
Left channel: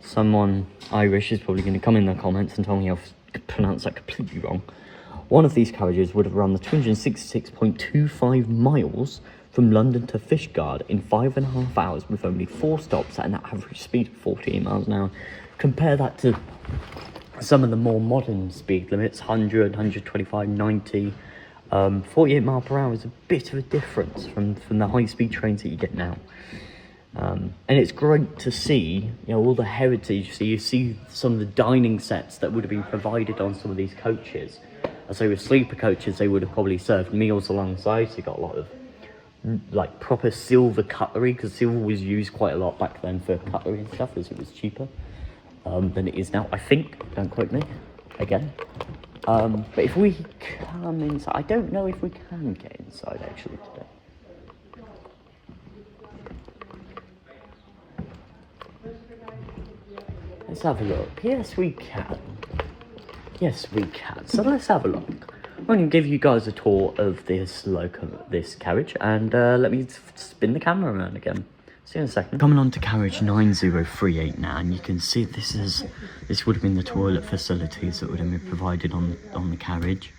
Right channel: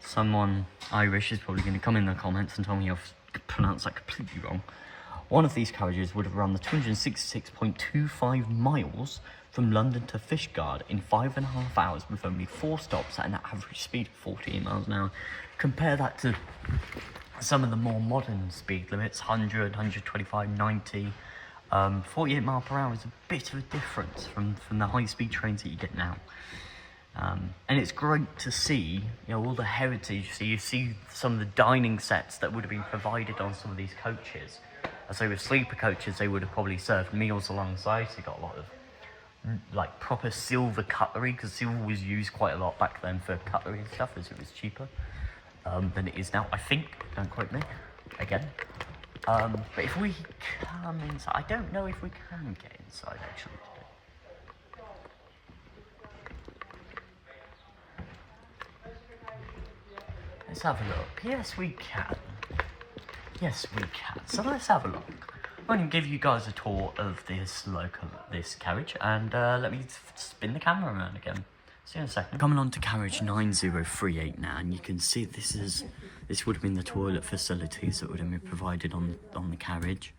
Someone Irish is probably going to come in the comments and tell me I've pronounced that completely wrong. One of these carriages would have run the 266.25 miles from London to Fishguard in 5.5 hours with only 4 stops at an average speed of 48 miles an hour. Compare that to some of the more modern speed limits, 100, 125, 90. 48 mile per hour is a bit of a difference from the high speed trains that you get now. And it's great to see, you know, all the heritage. So you see some of the dining sets that would have been provided on some of these coaches. So with sleeper coaches, they would have probably served meals alongside. So you got a lot of like proper silver cutlery, because silver was used quite a lot back then for cutlery and stuff, as it was cheaper than it is now, I think. Don't quote me again. But if we come inside, I don't know if we can get inside actually today. Let's have a look. Yes, we can. Yes, we can. So let's have a look. I'm going to give you guys a tour of this carriage, and let me spin the camera around again. See you in a second. Coming on to carriage 9038 now, and you can see this would have been the toilet facilities that would have been provided on the carriage.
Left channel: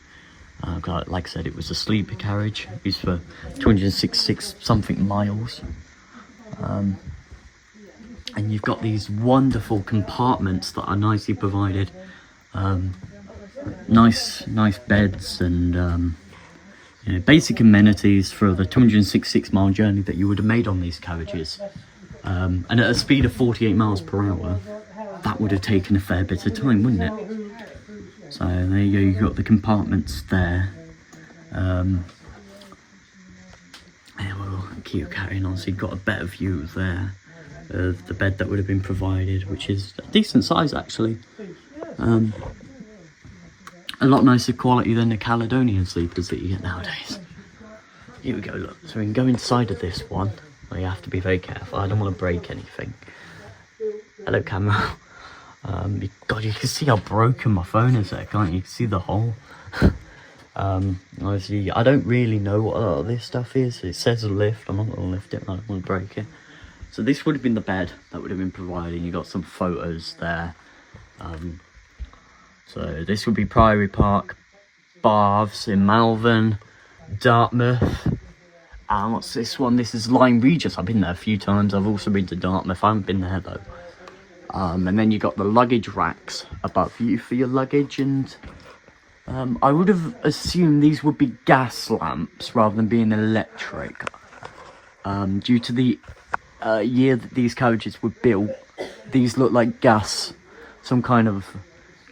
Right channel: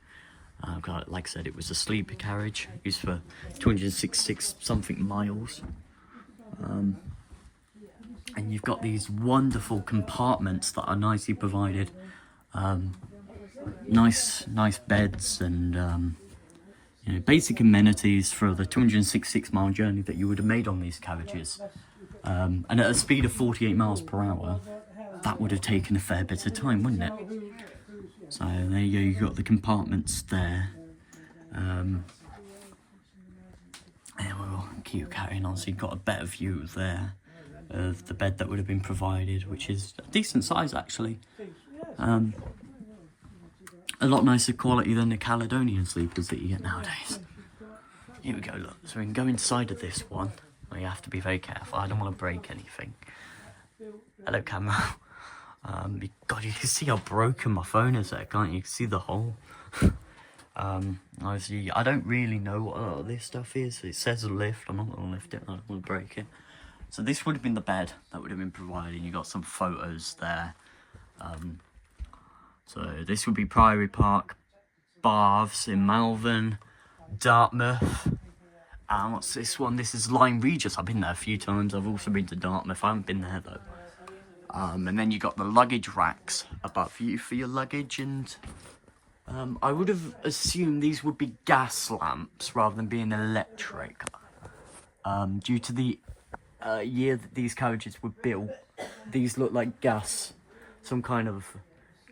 Like I said, it was a sleeper carriage used for 266 something miles. And you've got these wonderful compartments that are nicely provided. Nice beds and you know, basic amenities for the 266 mile journey that you would have made on these carriages. And at a speed of 48 miles per hour, that would have taken a fair bit of time, wouldn't it? So there you go, you've got the compartments there. And we'll keep carrying on, so you've got a better view there of the bed that would have been provided, which is a decent size actually. A lot nicer quality than the Caledonian sleepers that you get nowadays. Here we go, look. So we can go inside of this one. Well, you have to be very careful. I don't want to break anything. Hello, camera. God, you can see how broken my phone is there, can't you? You can see the hole. Obviously, I don't really know what a lot of this stuff is. It says a lift. I'm not going to lift it. I don't want to break it. So this would have been the bed that would have been provided. You got some photos there. So this would be Priory Park, Baths in Malvern, Dartmouth. And what's this one? This is Lyme Regis. I've been there a few times. I've also been to Dartmouth. I haven't been there though. And then you got the luggage racks above you for your luggage. And I would have assumed these would be gas lamps rather than being electric. Due to the year that these carriages were built, these look like gas, some kind of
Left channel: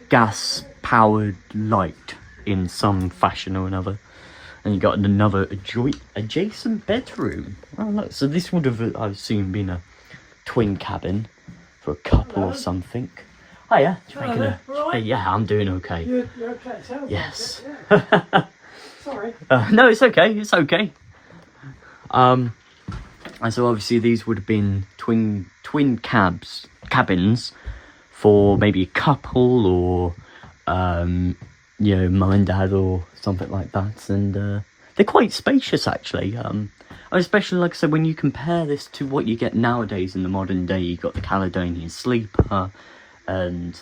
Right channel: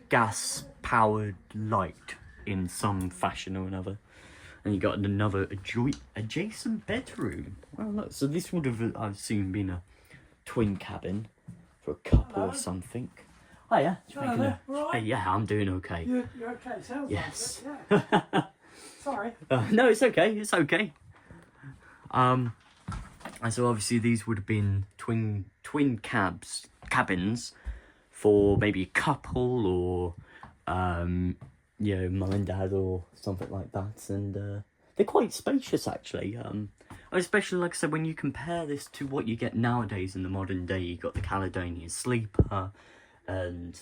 gas powered light in some fashion or another. And you got another adjacent bedroom. Oh look, so this would have, I assume, been a twin cabin for a couple or something. Hiya, hey, yeah, I'm doing okay. You're okay, so yes. Yeah. Sorry. No, it's okay, it's okay. And so obviously these would have been twin cabins for maybe a couple or you know, mum and dad or something like that. And they're quite spacious actually. Especially, like I said, when you compare this to what you get nowadays in the modern day. You've got the Caledonian sleeper and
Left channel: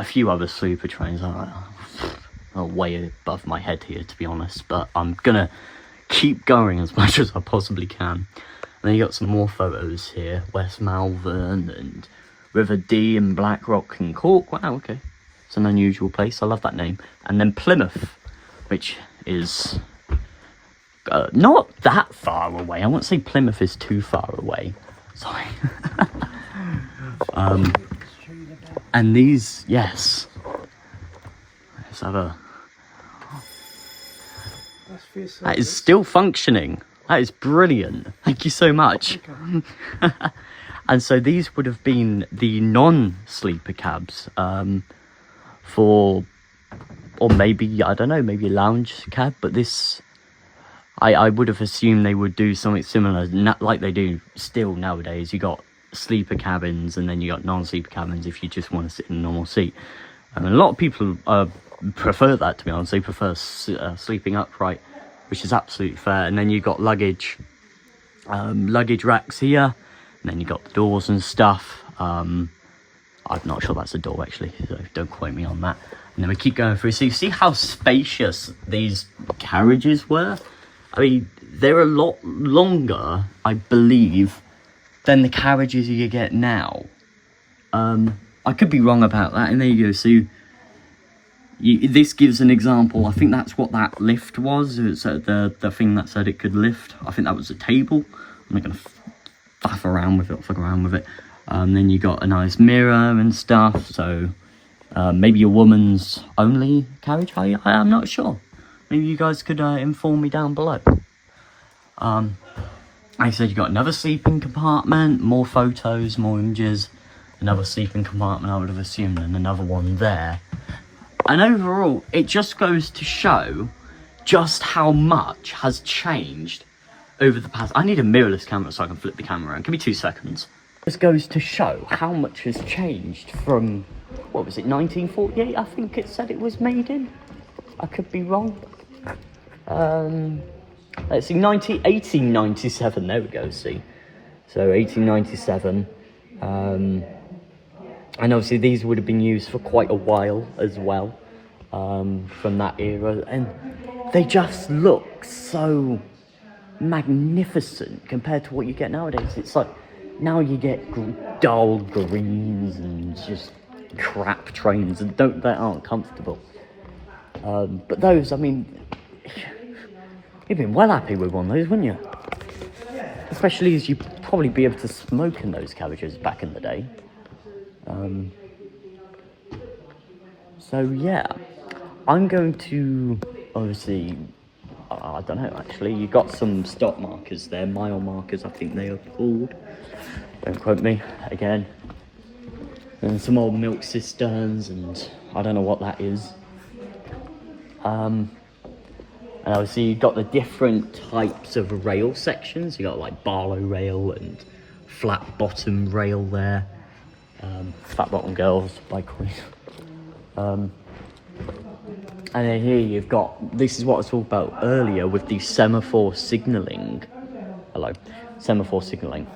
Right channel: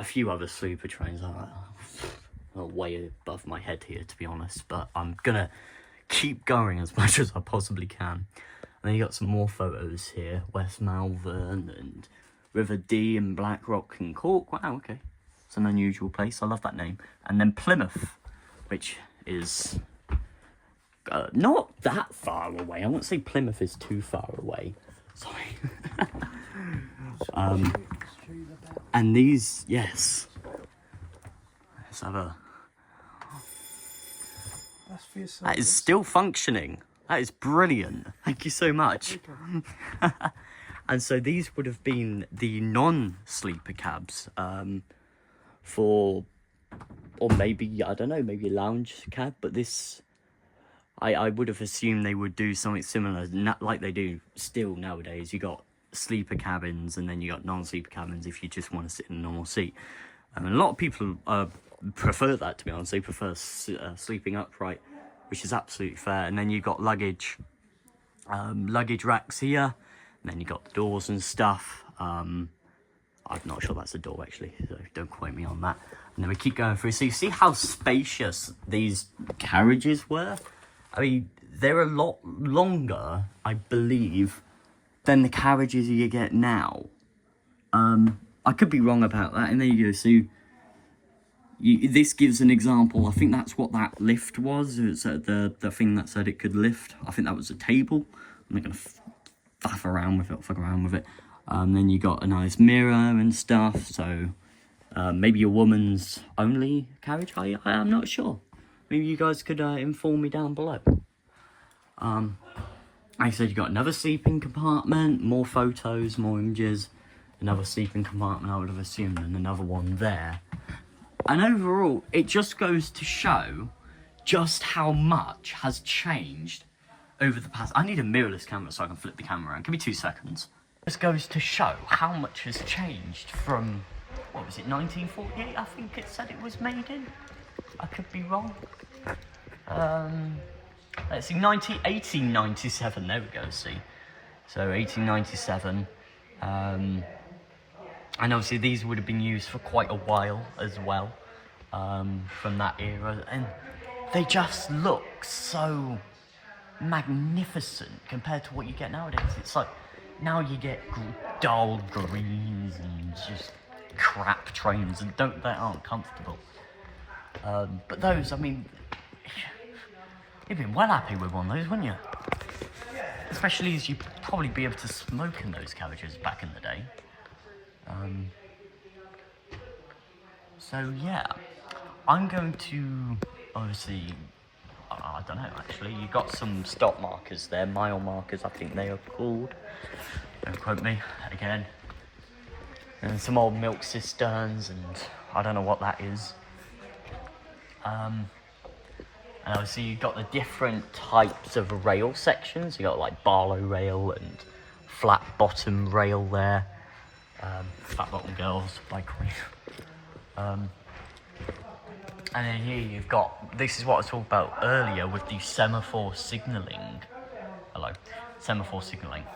a few other sleeper trains are way above my head here, to be honest, but I'm gonna keep going as much as I possibly can. And then you got some more photos here, West Malvern and River Dee and Blackrock and Cork. Wow, okay, it's an unusual place, I love that name. And then Plymouth, which is not that far away. I won't say Plymouth is too far away, sorry. And these, yes, let's have a, that is still functioning. That is brilliant. Thank you so much. Okay. And so these would have been the non-sleeper cabs for, or maybe, I don't know, maybe a lounge cab. But this, I would have assumed they would do something similar, like they do still nowadays. You got sleeper cabins and then you got non-sleeper cabins if you just want to sit in a normal seat. And a lot of people prefer that, to be honest. They prefer sleeping upright, which is absolutely fair. And then you've got luggage racks here, and then you've got the doors and stuff. I'm not sure that's a door actually, so don't quote me on that. And then we keep going through, so you see how spacious these carriages were? I mean, they're a lot longer, I believe, than the carriages you get now. I could be wrong about that, and there you go. So this gives an example. I think that's what that lift was. It's the thing that said it could lift. I think that was a table. I'm not going to faff around with it or fuck around with it. Then you got a nice mirror and stuff. So maybe a woman's only carriage. I'm not sure. Maybe you guys could inform me down below. Like I said, you got another sleeping compartment, more photos, more images, another sleeping compartment I would have assumed, and another one there. And overall, it just goes to show just how much has changed over the past... I need a mirrorless camera so I can flip the camera around. Give me 2 seconds. This goes to show how much has changed from, what was it, 1948? I think it said it was made in. I could be wrong. Let's see, 1897, there we go, see. So 1897, and obviously these would have been used for quite a while as well, from that era, and they just look so magnificent compared to what you get nowadays. It's like, now you get dull greens and just crap trains and that aren't comfortable. But those, I mean, you'd been well happy with one of those, wouldn't you? Especially as you'd probably be able to smoke in those carriages back in the day. So yeah, I'm going to, obviously, I don't know actually, you got some stop markers there, mile markers I think they are called, don't quote me again, and some old milk cisterns, and I don't know what that is. And obviously you've got the different types of rail sections. You got like Barlow rail and flat bottom rail there. Flat bottom girls by Queen. And then here you've got, this is what I was talking about earlier with the semaphore signalling. Hello, semaphore signalling.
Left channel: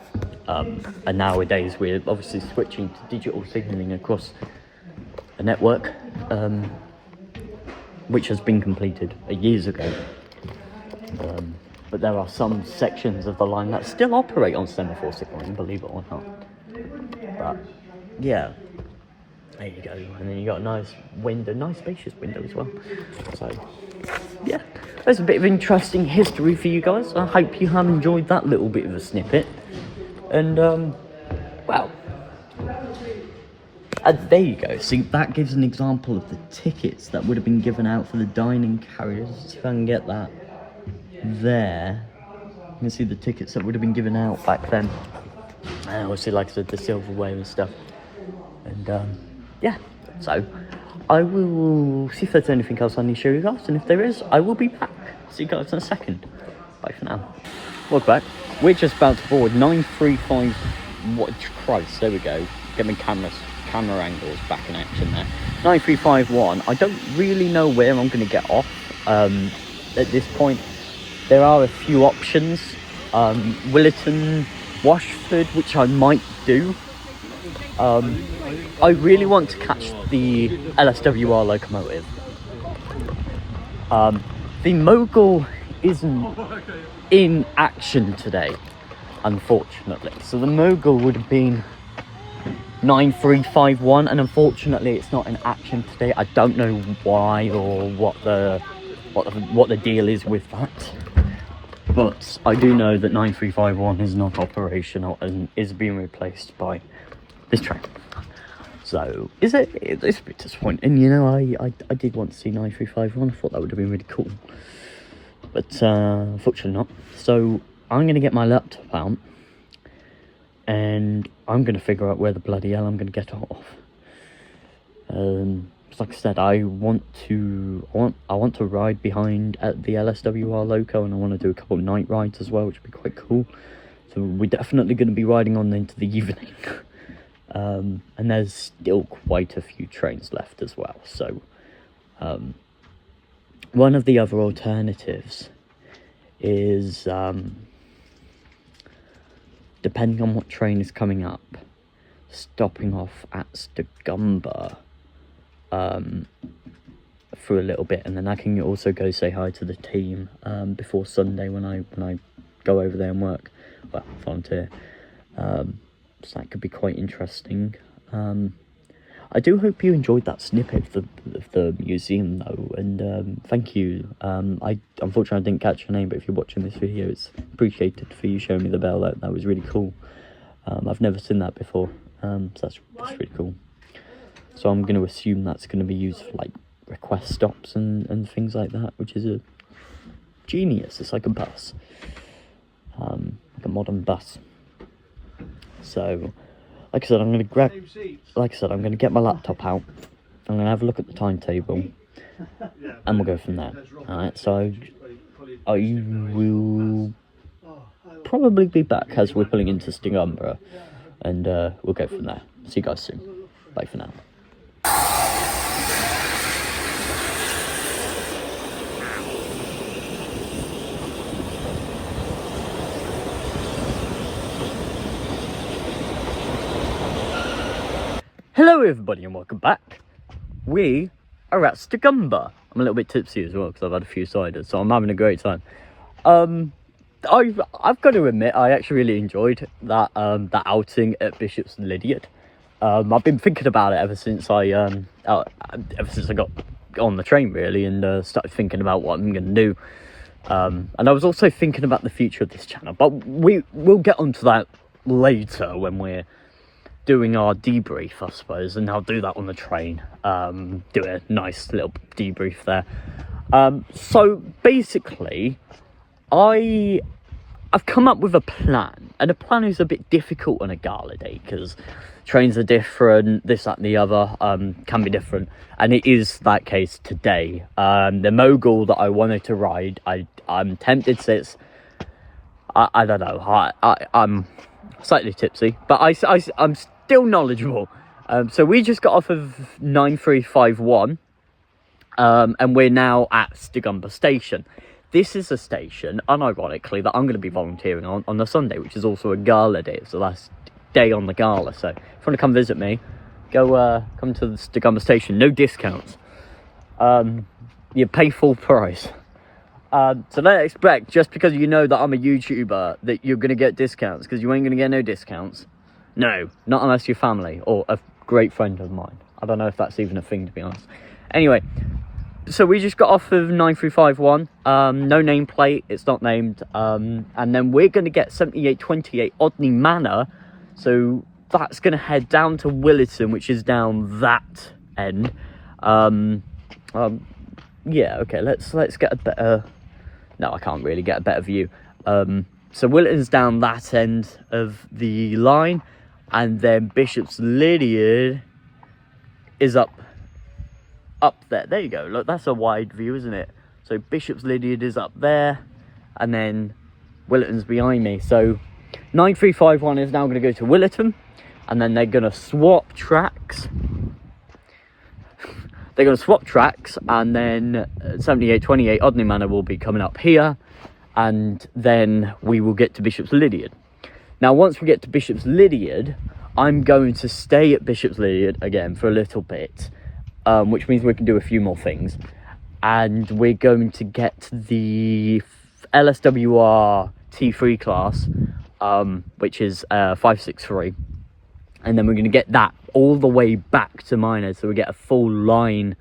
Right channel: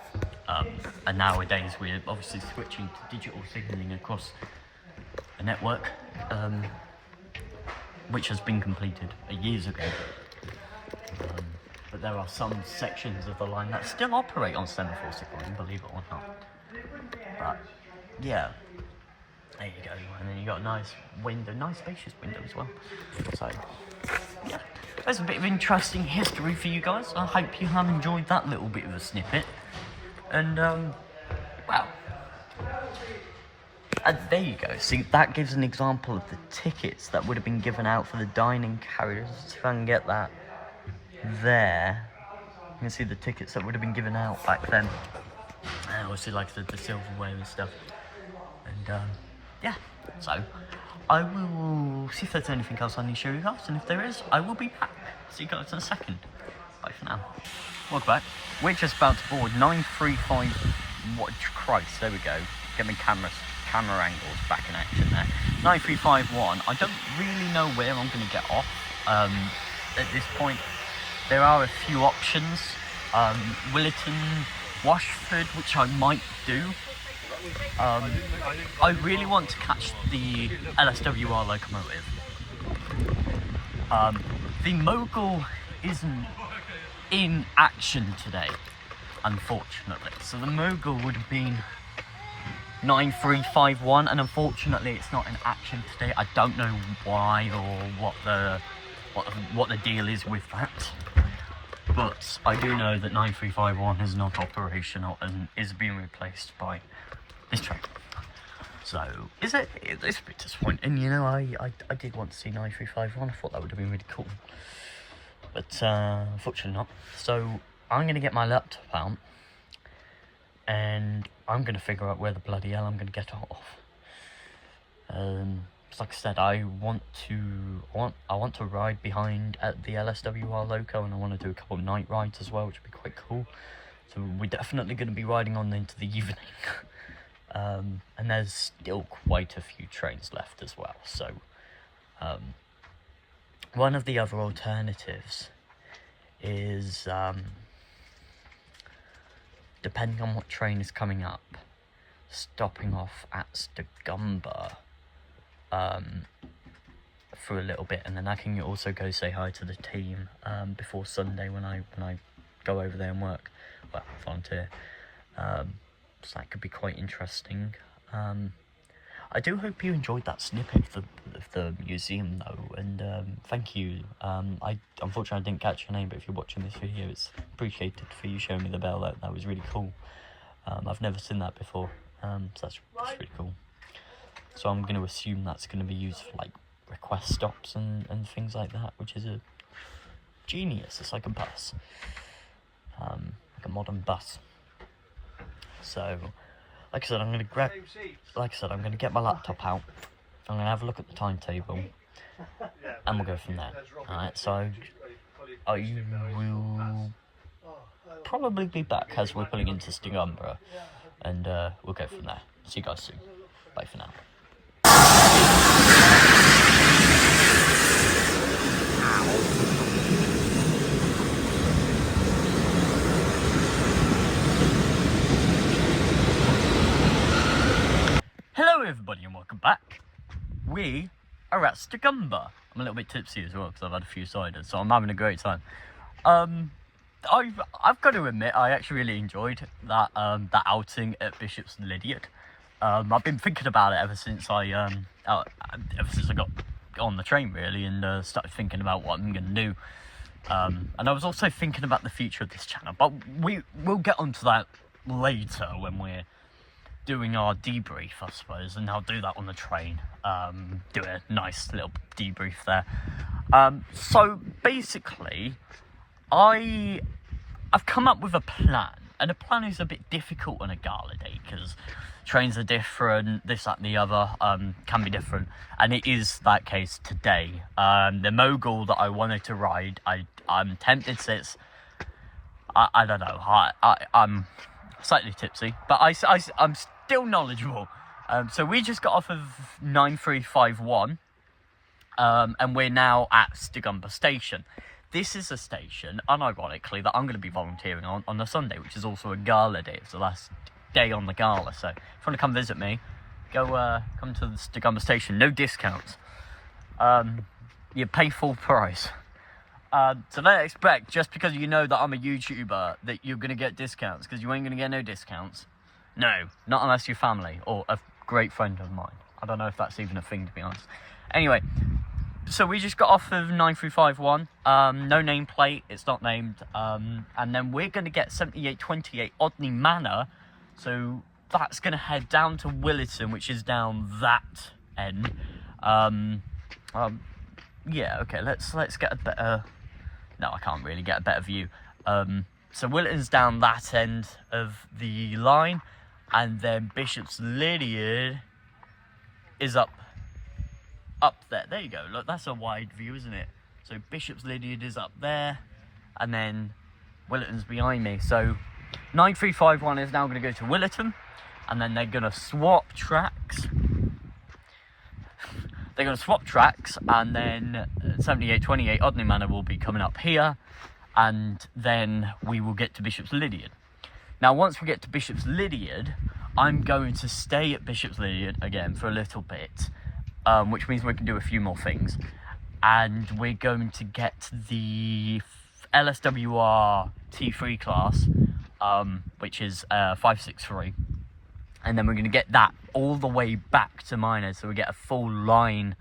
And nowadays we're obviously switching to digital signalling across a network, which has been completed years ago. But there are some sections of the line that still operate on semaphore signalling, believe it or not. But yeah, there you go. And then you got a nice window, nice spacious window as well. So yeah, there's a bit of interesting history for you guys. I hope you have enjoyed that little bit of a snippet. And well, there you go. See, that gives an example of the tickets that would have been given out for the dining carriages. If I can get that there, you can see the tickets that would have been given out back then. And obviously, like I said, the silverware and stuff. And yeah, so I will see if there's anything else I need to show you guys, and if there is, I will be back. See you guys in a second. Bye for now. Welcome back. We're just about to board 935. What Christ? There we go. Get my camera angles back in action there. 9351. I don't really know where I'm going to get off at this point. There are a few options. Williton, Washford, which I might do. I really want to catch the LSWR locomotive. The Mogul isn't in action today, unfortunately. So the Mogul would have been 9351, and unfortunately it's not in action today. I don't know why or what the deal is with that, but I do know that 9351 is not operational and is being replaced by this train. So it's a bit disappointing, you know. I did want to see 9351. I thought that would have been really cool, but unfortunately not. So I'm going to get my laptop out and I'm going to figure out where the bloody hell I'm going to get it off. Like I said, I want to ride behind at the LSWR loco, and I want to do a couple of night rides as well, which would be quite cool. So we're definitely going to be riding on into the evening. And there's still quite a few trains left as well. So one of the other alternatives is, depending on what train is coming up, stopping off at Stigumber for a little bit, and then I can also go say hi to the team before Sunday when I go over there and work, well, volunteer. So that could be quite interesting. I do hope you enjoyed that snippet of the museum though, and thank you. Unfortunately I didn't catch your name, but if you're watching this video, it's appreciated for you showing me the bell. That was really cool. I've never seen that before, so that's really cool. So I'm going to assume that's going to be used for like request stops and things like that, which is a genius. It's like a bus, like a modern bus. So like I said, I'm going to get my laptop out. I'm going to have a look at the timetable, and we'll go from there. Alright, so I will probably be back as we're pulling into Stigumber, and we'll go from there. See you guys soon. Bye for now. Hello everybody and welcome back. We are at Stigumber. I'm a little bit tipsy as well because I've had a few ciders, so I'm having a great time. I've got to admit, I actually really enjoyed that that outing at Bishop's Lydiard. I've been thinking about it ever since I got on the train really, and started thinking about what I'm going to do. And I was also thinking about the future of this channel, but we'll get onto that later when we're doing our debrief, I suppose, and I'll do that on the train. Do a nice little debrief there. So basically, I've come up with a plan, and a plan is a bit difficult on a gala day because trains are different, this, that and the other can be different, and it is that case today. The Mogul that I wanted to ride, I'm tempted to say it's, I don't know, I'm slightly tipsy, but I'm still knowledgeable. So we just got off of 9351, and we're now at Stigumber station. This is a station, unironically, that I'm going to be volunteering on the Sunday, which is also a gala day. It's the last day on the gala, so if you want to come visit me, come to the Stigumber station. No discounts. You pay full price. So don't expect, just because you know that I'm a YouTuber, that you're going to get discounts, because you ain't going to get no discounts. No, not unless you're family or a great friend of mine. I don't know if that's even a thing, to be honest. Anyway, so we just got off of 9351, no nameplate, it's not named, and then we're going to get 7828 Odney Manor, so that's going to head down to Williton, which is down that end. Yeah, okay, let's get a better, no, I can't really get a better view. So Williton's down that end of the line, and then Bishop's Lydiard is up there. There you go. Look, that's a wide view, isn't it? So Bishop's Lydiard is up there, and then Williton's behind me. So 9351 is now going to go to Williton, and then they're going to swap tracks. They're going to swap tracks, and then 7828 Odney Manor will be coming up here, and then we will get to Bishop's Lydiard. Now, once we get to Bishop's Lydiard, I'm going to stay at Bishopsley again for a little bit, which means we can do a few more things. And we're going to get the LSWR T3 class, which is 563. And then we're going to get that all the way back to Minehead, so we get a full line,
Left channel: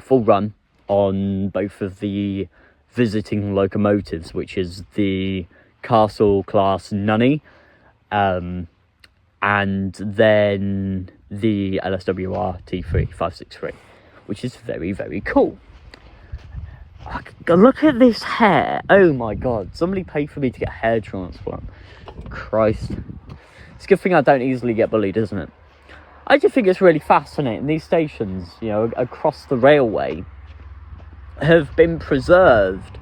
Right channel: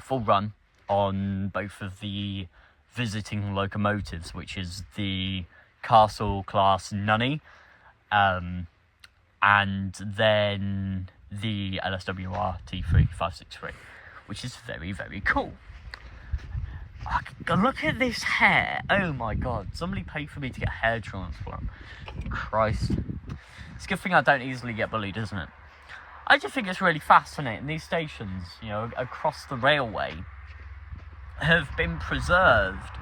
full run on both of the visiting locomotives, which is the Castle class Nunny, and then the LSWR T3 563, which is very, very cool. Look at this hair. Oh my god, somebody paid for me to get a hair transplant. Christ. It's a good thing I don't easily get bullied, isn't it? I just think it's really fascinating. These stations, you know, across the railway have been preserved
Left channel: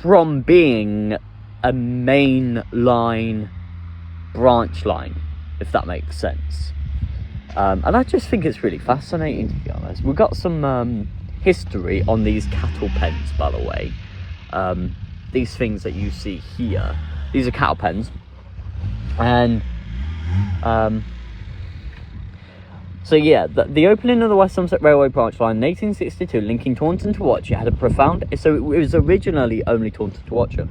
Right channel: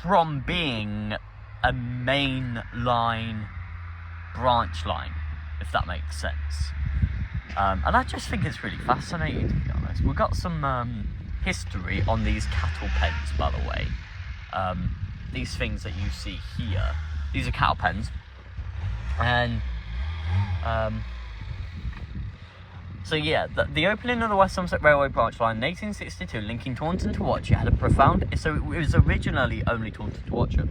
from being a main line branch line, if that makes sense. And I just think it's really fascinating, to be honest. We've got some history on these cattle pens, by the way. These things that you see here, these are cattle pens. And so yeah, the opening of the West Somerset Railway branch line in 1862, linking Taunton to Watchet, had a profound... So it was originally only Taunton to Watchet.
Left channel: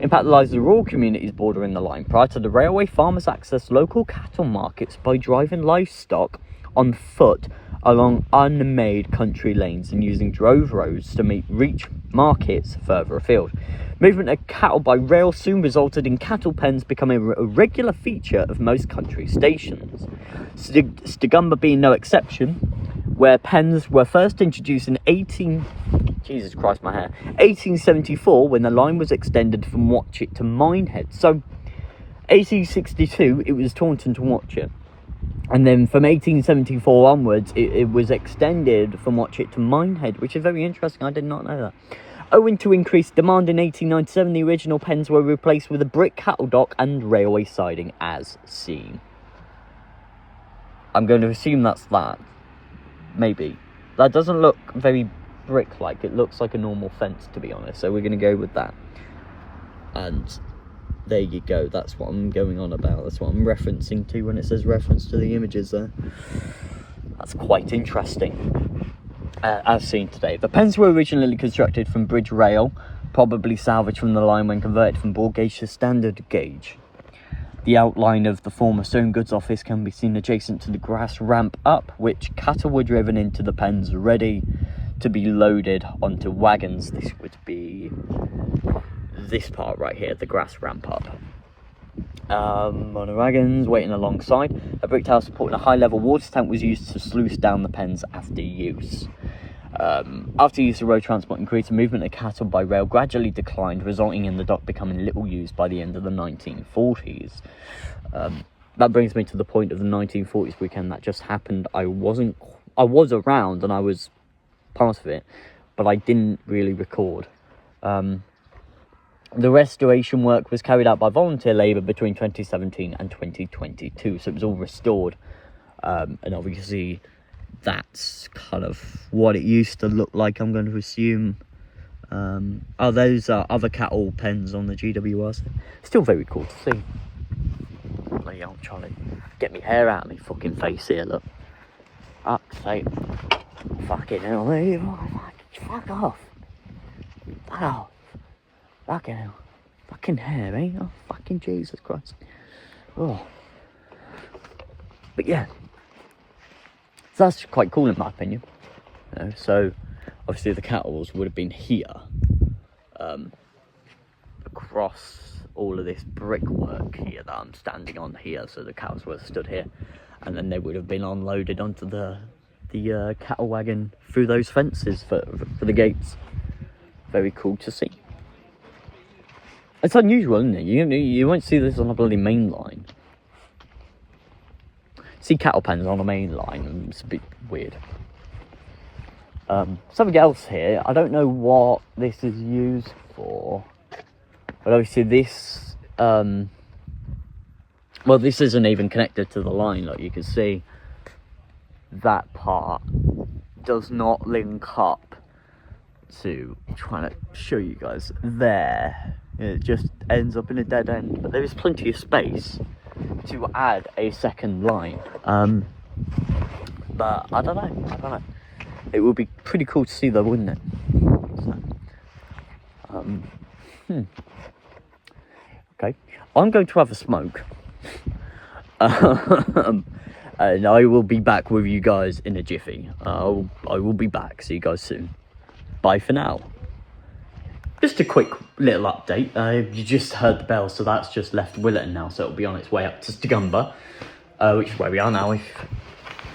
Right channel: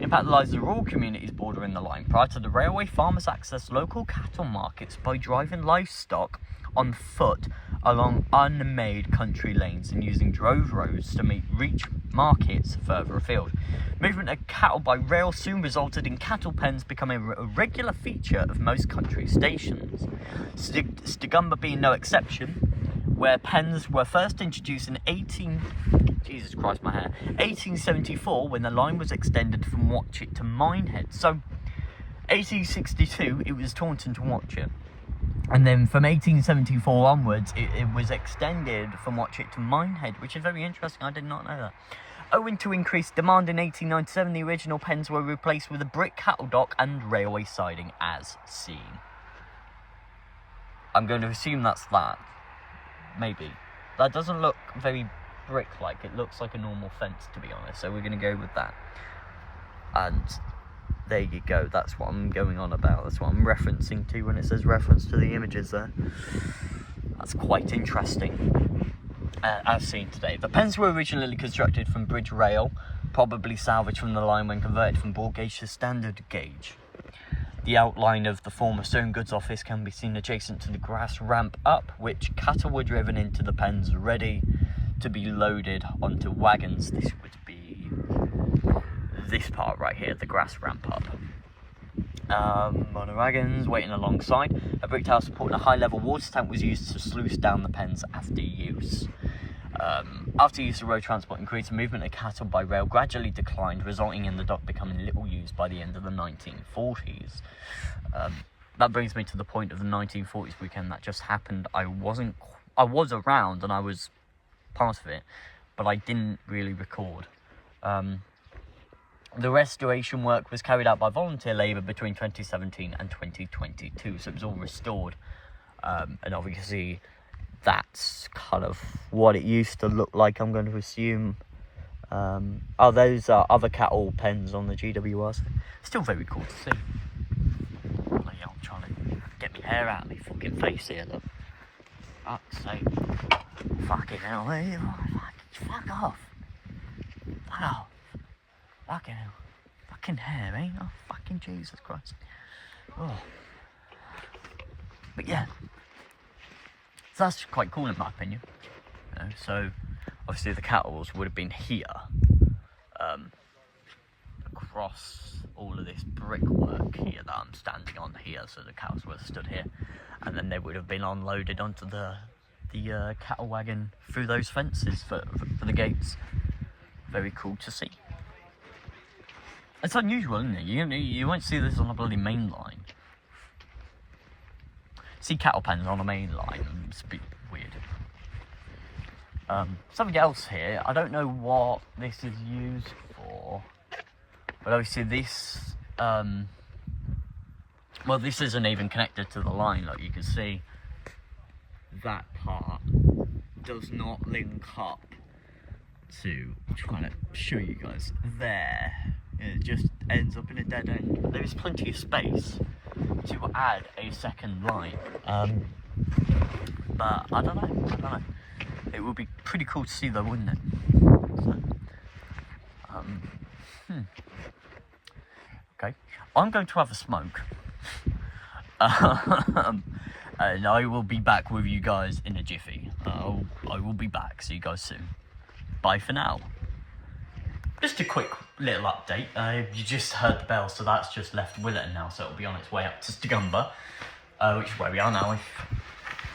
Impact lies the rural communities bordering the line. Prior to the railway, farmers accessed local cattle markets by driving livestock on foot along unmade country lanes and using drove roads to reach markets further afield. Movement of cattle by rail soon resulted in cattle pens becoming a regular feature of most country stations. Stigumber being no exception, where pens were first introduced in 1874, when the line was extended from Watchet to Minehead. So 1862 it was Taunton to Watchet, and then from 1874 onwards it was extended from Watchet to Minehead, which is very interesting. I did not know that. Owing to increased demand in 1897, the original pens were replaced with a brick cattle dock and railway siding as seen. I'm going to assume that's that. Maybe. That doesn't look very brick-like. It looks like a normal fence, to be honest. So we're going to go with that. And there you go. That's what I'm going on about. That's what I'm referencing to when it says reference to the images there. That's quite interesting. As seen today. The pens were originally constructed from bridge rail, probably salvaged from the line when converted from broad gauge to standard gauge. The outline of the former stone goods office can be seen adjacent to the grass ramp up, which cattle were driven into the pens ready to be loaded onto wagons. This would be this part right here, the grass ramp up. On the wagons waiting alongside, a brick tower supporting a high level water tank was used to sluice down the pens after use. After use of road transport increased, the movement of cattle by rail gradually declined, resulting in the dock becoming little used by the end of the 1940s. That brings me to the point of the 1940s weekend that just happened. I was around and I was part of it, but I didn't really record. The restoration work was carried out by volunteer labour between 2017 and 2022, so it was all restored, and obviously that's kind of what it used to look like, I'm going to assume. Oh, those are other cattle pens on the GWRs. Still very cool to see. Like, I'm trying to get my hair out of my fucking face here, look. Fuck's sake. Fucking hell, mate. Oh, fuck off. Fuck off. Fucking hell. Fucking hair, eh? Oh, fucking Jesus Christ. Oh. But yeah. So that's quite cool in my opinion. You know, so, obviously the cattle would have been here. Across all of this brickwork here that I'm standing on here. So the cows would have stood here. And then they would have been unloaded onto the cattle wagon through those fences for the gates. Very cool to see. It's unusual, isn't it? You won't see this on a bloody main line. See cattle pens on a main line, and it's a bit weird. Something else here, I don't know what this is used for, but obviously this, well, this isn't even connected to the line. Like you can see, that part does not link up to, I'm trying to show you guys there. It just ends up in a dead end, but there is plenty of space to add a second line. But I don't know. It would be pretty cool to see though, wouldn't it? Okay, I'm going to have a smoke. And I will be back with you guys in a jiffy. I will be back. See you guys soon. Bye for now. Just a quick little update. You just heard the bell, so that's just left Williton now, so it'll be on its way up to Stigumber, which is where we are now. If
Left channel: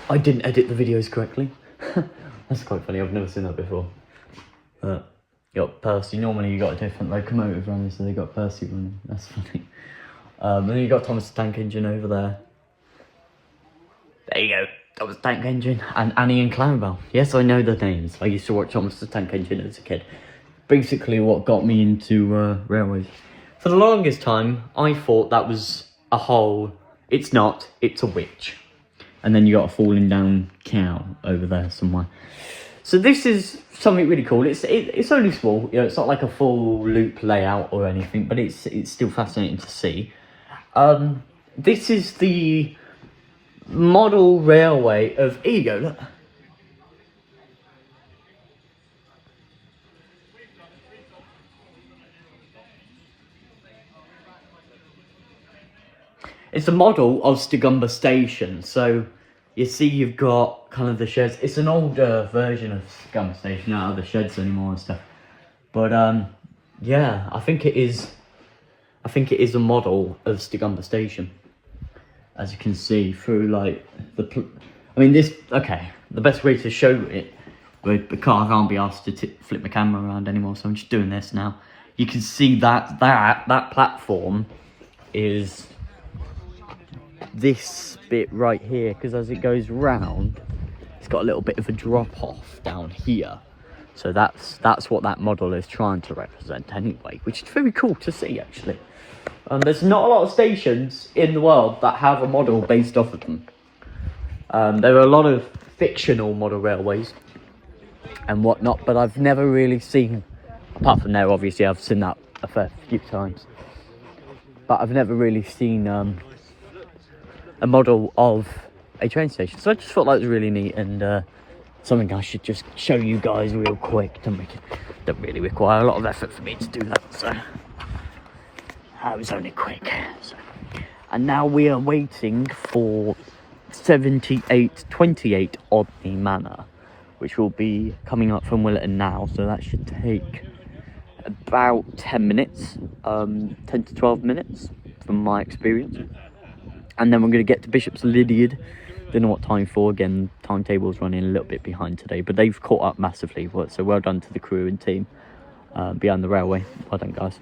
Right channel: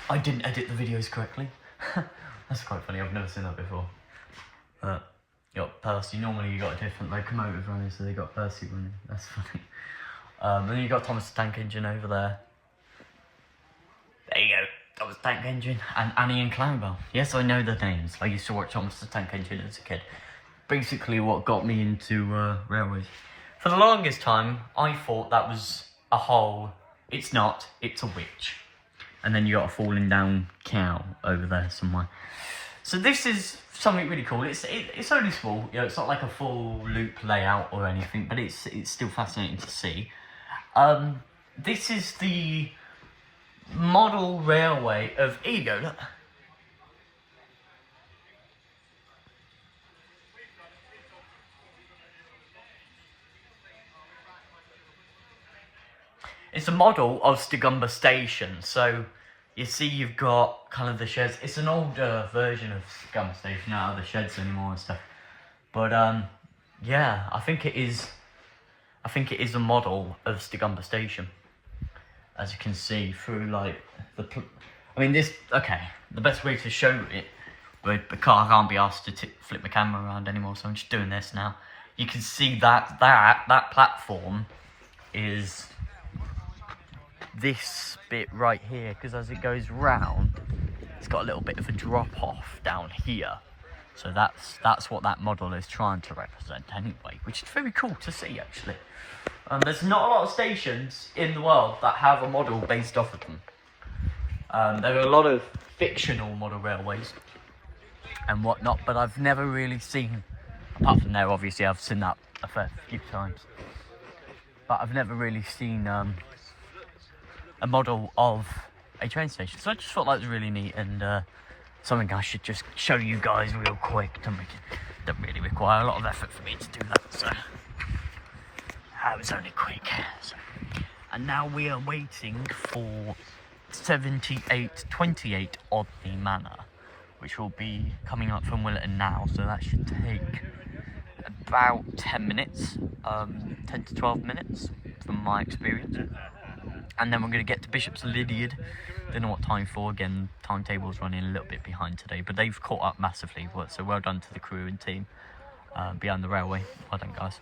I didn't edit the videos correctly. That's quite funny, I've never seen that before. You got Percy, normally you got a different locomotive running, so they got Percy running, that's funny. And then you got Thomas the Tank Engine over there. There you go, Thomas the Tank Engine, and Annie and Clownbell. Yes, I know the names, I used to watch Thomas the Tank Engine as a kid. Basically what got me into railways. For the longest time, I thought that was a hole. It's not, it's a witch. And then you got a falling down cow over there somewhere. So this is something really cool. It's only small, you know, it's not like a full loop layout or anything, but it's still fascinating to see. This is the model railway of, here you go, look. It's a model of Stigumber Station, so you see you've got kind of the sheds. It's an older version of Stigumber Station, not other sheds anymore and stuff. But yeah, I think it is a model of Stigumber Station, as you can see through like the. I mean this. Okay, the best way to show it, but I can't be asked to flip my camera around anymore, so I'm just doing this now. You can see that platform is this bit right here, because as it goes round, it's got a little bit of a drop off down here. So that's what that model is trying to represent anyway, which is very cool to see actually. There's not a lot of stations in the world that have a model based off of them. There are a lot of fictional model railways and whatnot, but I've never really seen, apart from there obviously I've seen that a fair few times, but I've never really seen a model of a train station. So I just thought that was really neat, and something I should just show you guys real quick. Don't really require a lot of effort for me to do that, so I was only quick. So. And now we are waiting for 7828 Autumn Manor, which will be coming up from Williton now, so that should take about 10 minutes, 10 to 12 minutes from my experience. And then we're going to get to Bishop's Lydeard. Don't know what time for. Again, timetable's running a little bit behind today, but they've caught up massively. So well done to the crew and team behind the railway. Well done, guys.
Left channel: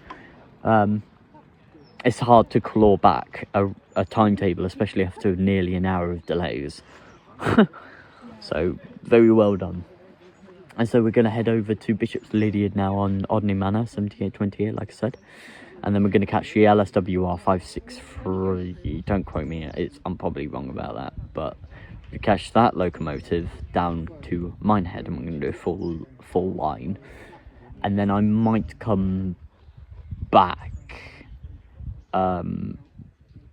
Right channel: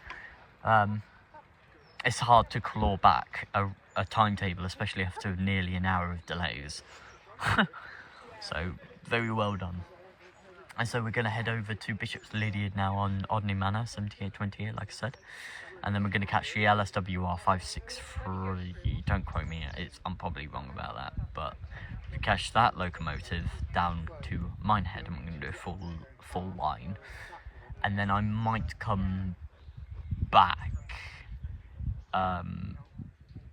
It's hard to claw back a timetable, especially after nearly an hour of delays. So very well done. And so we're going to head over to Bishop's Lydeard now on Autumn Manor, 7828, like I said. And then we're going to catch the LSWR 563. Don't quote me, I'm probably wrong about that. But we catch that locomotive down to Minehead, and we're going to do a full line. And then I might come back. I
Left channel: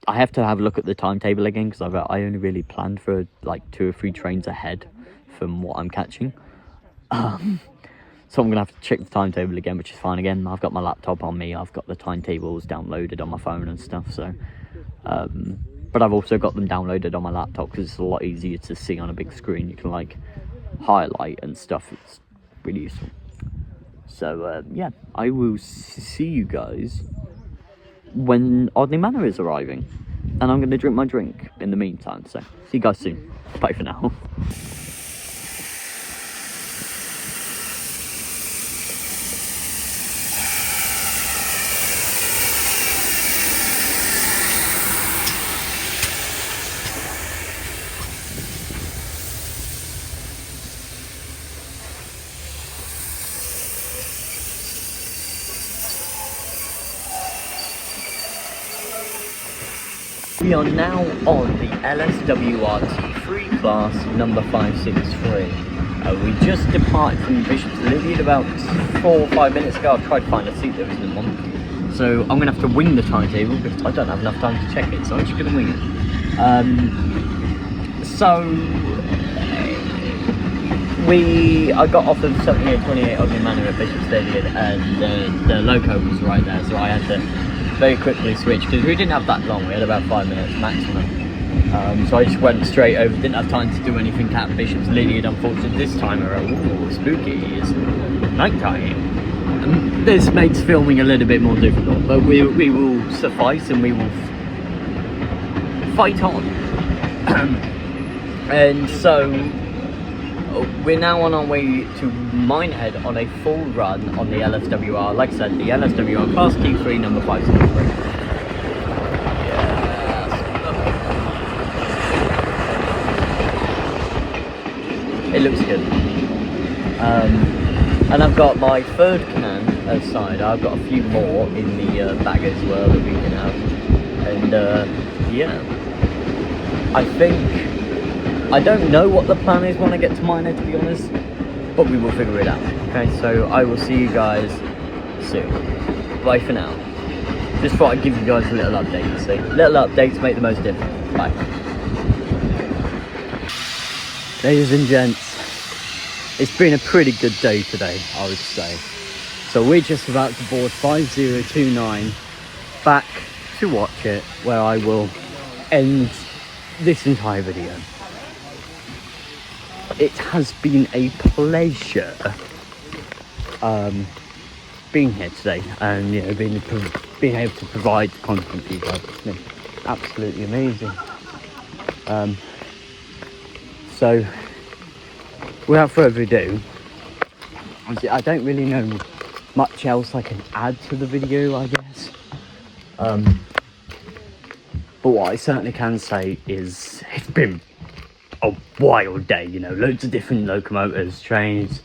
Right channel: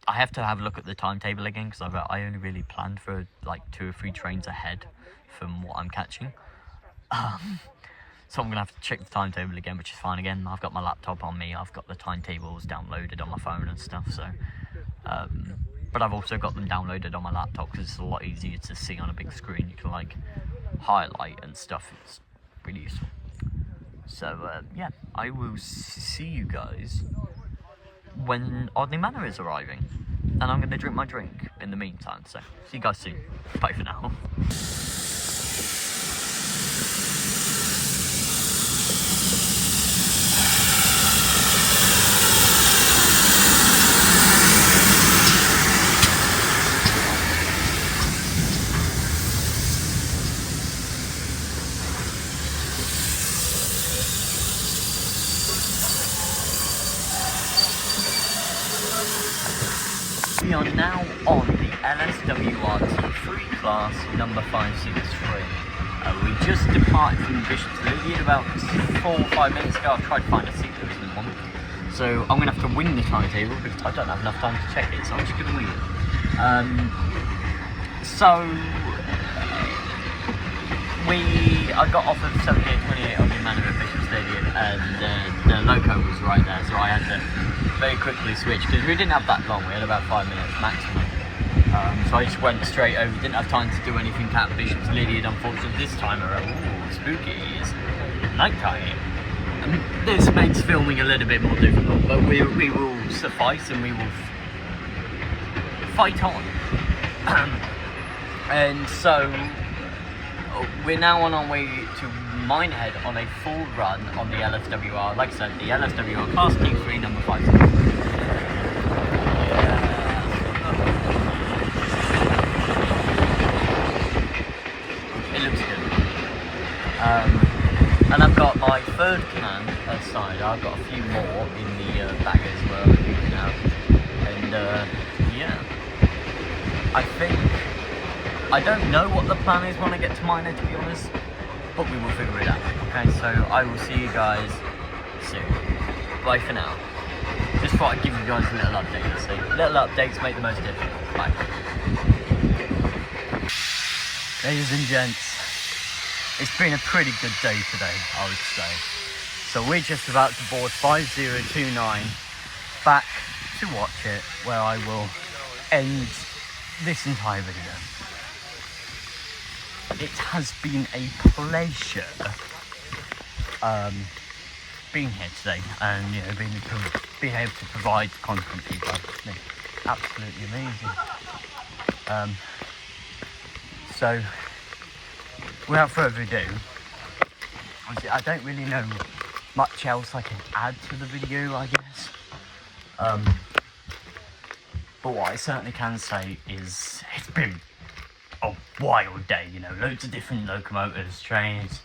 have to have a look at the timetable again, because I only really planned for like 2 or 3 trains ahead from what I'm catching. So I'm going to have to check the timetable again, which is fine. Again, I've got my laptop on me. I've got the timetables downloaded on my phone and stuff. So, but I've also got them downloaded on my laptop because it's a lot easier to see on a big screen. You can like highlight and stuff. It's really useful. So, yeah, I will see you guys when Autumn Manor is arriving. And I'm going to drink my drink in the meantime. So, see you guys soon. Bye for now. We are now on the LSWR T3 class number 563. We just departed from Bishop's Lydeard about 4 or 5 minutes ago. I tried to find a seat, there isn't one. So I'm gonna have to wing the timetable because I don't have enough time to check it, so I'm just gonna wing it. I got off of 7828 Ogden Manor at Bishop Stadium, and the loco was right there, so I had to very quickly switch because we didn't have that long. We had about 5 minutes maximum. So I just went straight over. Didn't have time to do anything at Bishop's Lydiard, unfortunately. This time around, ooh, spooky! It's night time. This makes filming a little bit more difficult, but we will suffice and we will fight on. And so we're now on our way to Minehead on a full run on the LSWR. Like I said, the LSWR Class T3 number 5. It looks good. And I've got my third can aside. I've got a few more in the bag as well that we can have. And yeah, I don't know what the plan is when I get to Minehead, to be honest, but we will figure it out. Okay, so I will see you guys soon. Bye for now. Just thought I'd give you guys a little update, you see. Little updates make the most difference. Bye. Ladies and gents, it's been a pretty good day today, I would say. So we're just about to board 5029 back to Watchet, where I will end this entire video. It has been a pleasure being here today, and you know, being able to provide content for you guys. It's been absolutely amazing. So without further ado, I don't really know much else I can add to the video, I guess. But what I certainly can say is it's been a wild day, you know, loads of different locomotives, trains,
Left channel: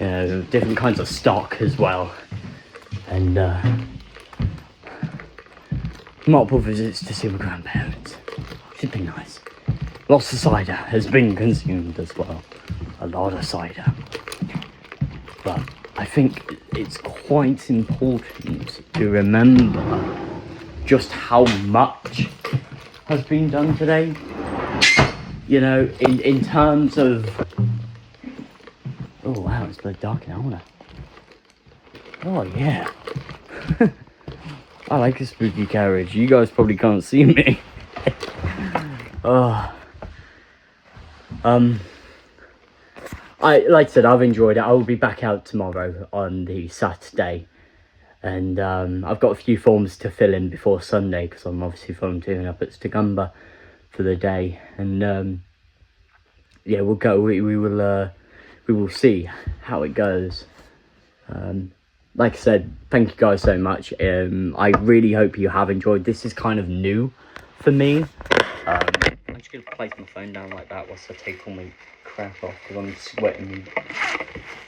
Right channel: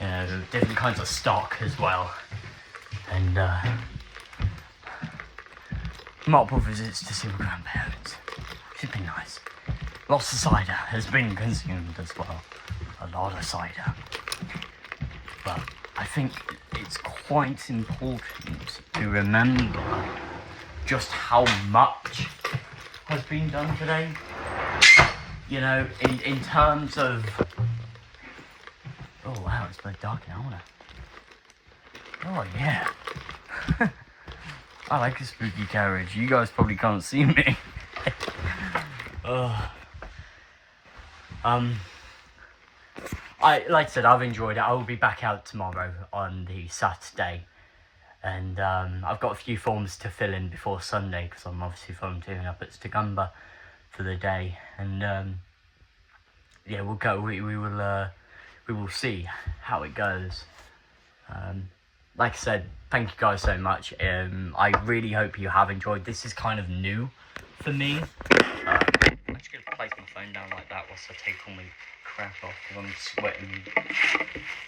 you know, different kinds of stock as well, and multiple visits to see my grandparents. It's been nice. Lots of cider has been consumed as well, a lot of cider. But I think it's quite important to remember just how much has been done today. You know, in terms of... Oh wow, it's bloody dark now, isn't it? Oh yeah. I like a spooky carriage. You guys probably can't see me. Oh. Like I said, I've enjoyed it. I will be back out tomorrow on the Saturday, and I've got a few forms to fill in before Sunday because I'm obviously volunteering up at Stigumber for the day, and yeah, we'll go. We will see how it goes. Like I said, thank you guys so much. I really hope you have enjoyed. This is kind of new for me. I'm just gonna place my phone down like that whilst I take all my crap off because I'm sweating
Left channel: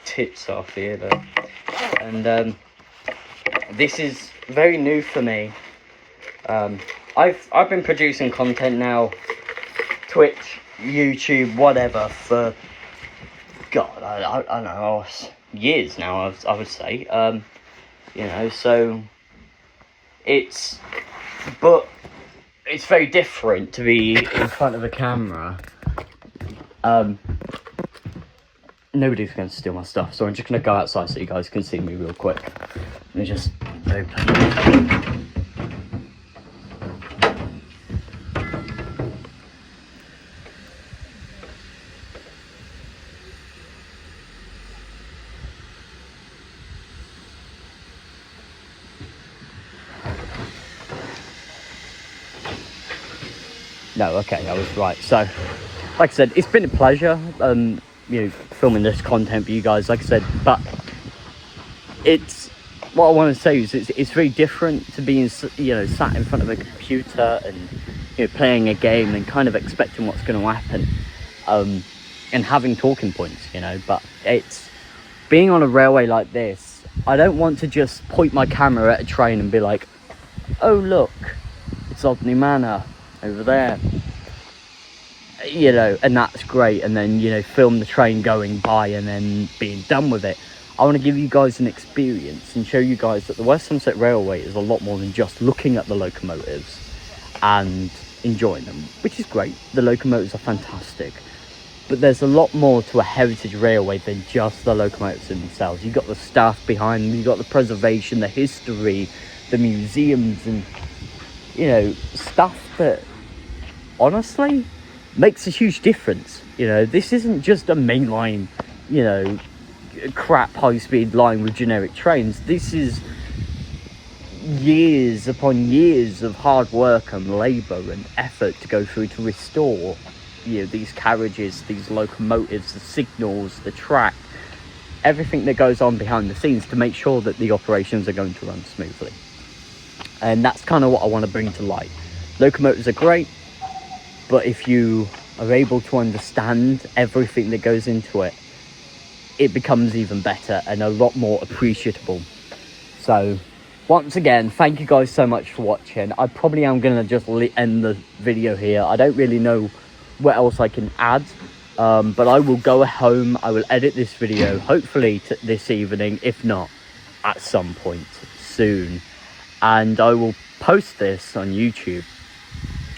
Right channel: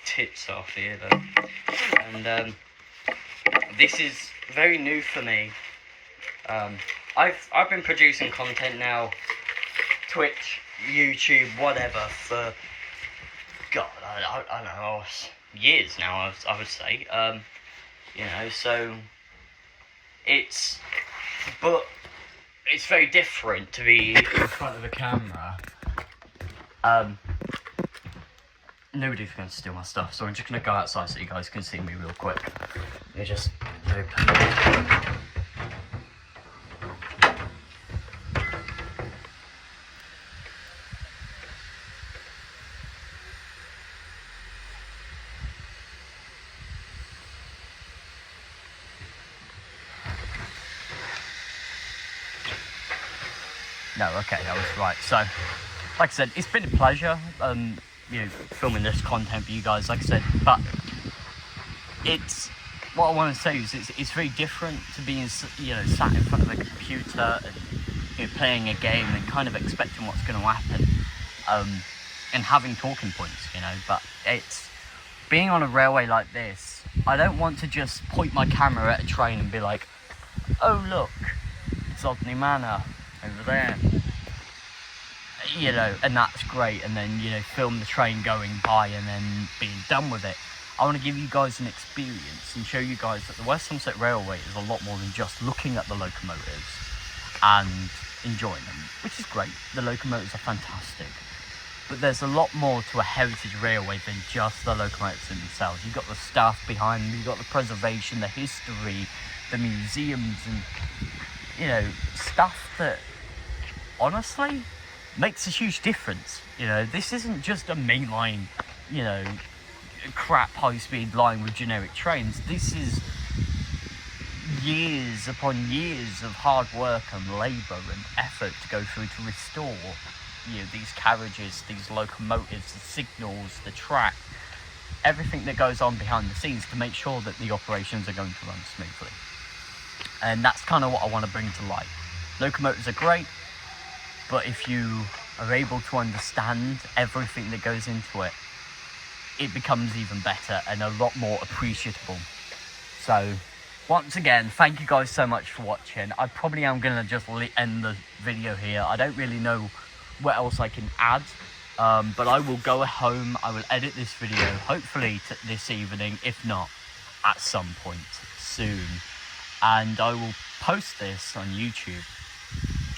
tits off here. But, and this is very new for me. I've been producing content now, Twitch, YouTube, whatever, for God, I don't know, years now. I would say, you know, so it's very different to be in front of a camera. Nobody's going to steal my stuff, so I'm just going to go outside so you guys can see me real quick. Let me just open. No, okay, I was right. So, like I said, it's been a pleasure, you know, filming this content for you guys, like I said, but it's, what I want to say is it's very different to being, you know, sat in front of a computer and, you know, playing a game and kind of expecting what's going to happen, and having talking points, you know, but it's, being on a railway like this, I don't want to just point my camera at a train and be like, oh look, it's Autumn Manor over there, you know, and that's great, and then, you know, film the train going by and then being done with it. I want to give you guys an experience and show you guys that the West Somerset Railway is a lot more than just looking at the locomotives and enjoying them, which is great. The locomotives are fantastic, but there's a lot more to a heritage railway than just the locomotives themselves. You've got the staff behind them, you've got the preservation, the history, the museums, and, you know, stuff that honestly makes a huge difference. You know, this isn't just a mainline, you know, crap high-speed line with generic trains. This is years upon years of hard work and labour and effort to go through to restore, you know, these carriages, these locomotives, the signals, the track, everything that goes on behind the scenes to make sure that the operations are going to run smoothly. And that's kind of what I want to bring to light. Locomotives are great, but if you are able to understand everything that goes into it, it becomes even better and a lot more appreciable. So once again, thank you guys so much for watching. I probably am going to just end the video here. I don't really know what else I can add, but I will go home, I will edit this video hopefully this evening, if not at some point soon, and I will post this on YouTube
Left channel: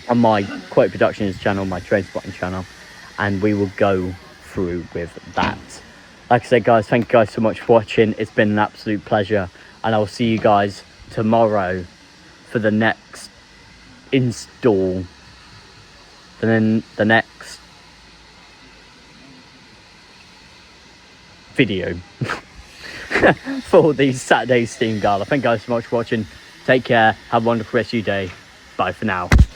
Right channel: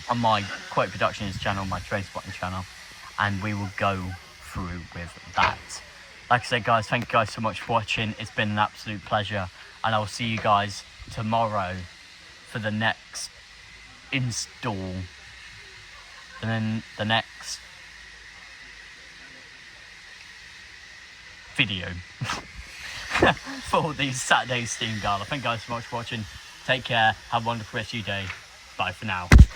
on my Quote Productions channel, my Train Spotting channel, and we will go through with that. Like I said, guys, thank you guys so much for watching. It's been an absolute pleasure, and I will see you guys tomorrow for the next install, and then the next video for the Saturday Steam Gala. Thank you guys so much for watching. Take care, have a wonderful rest of your day. Bye for now.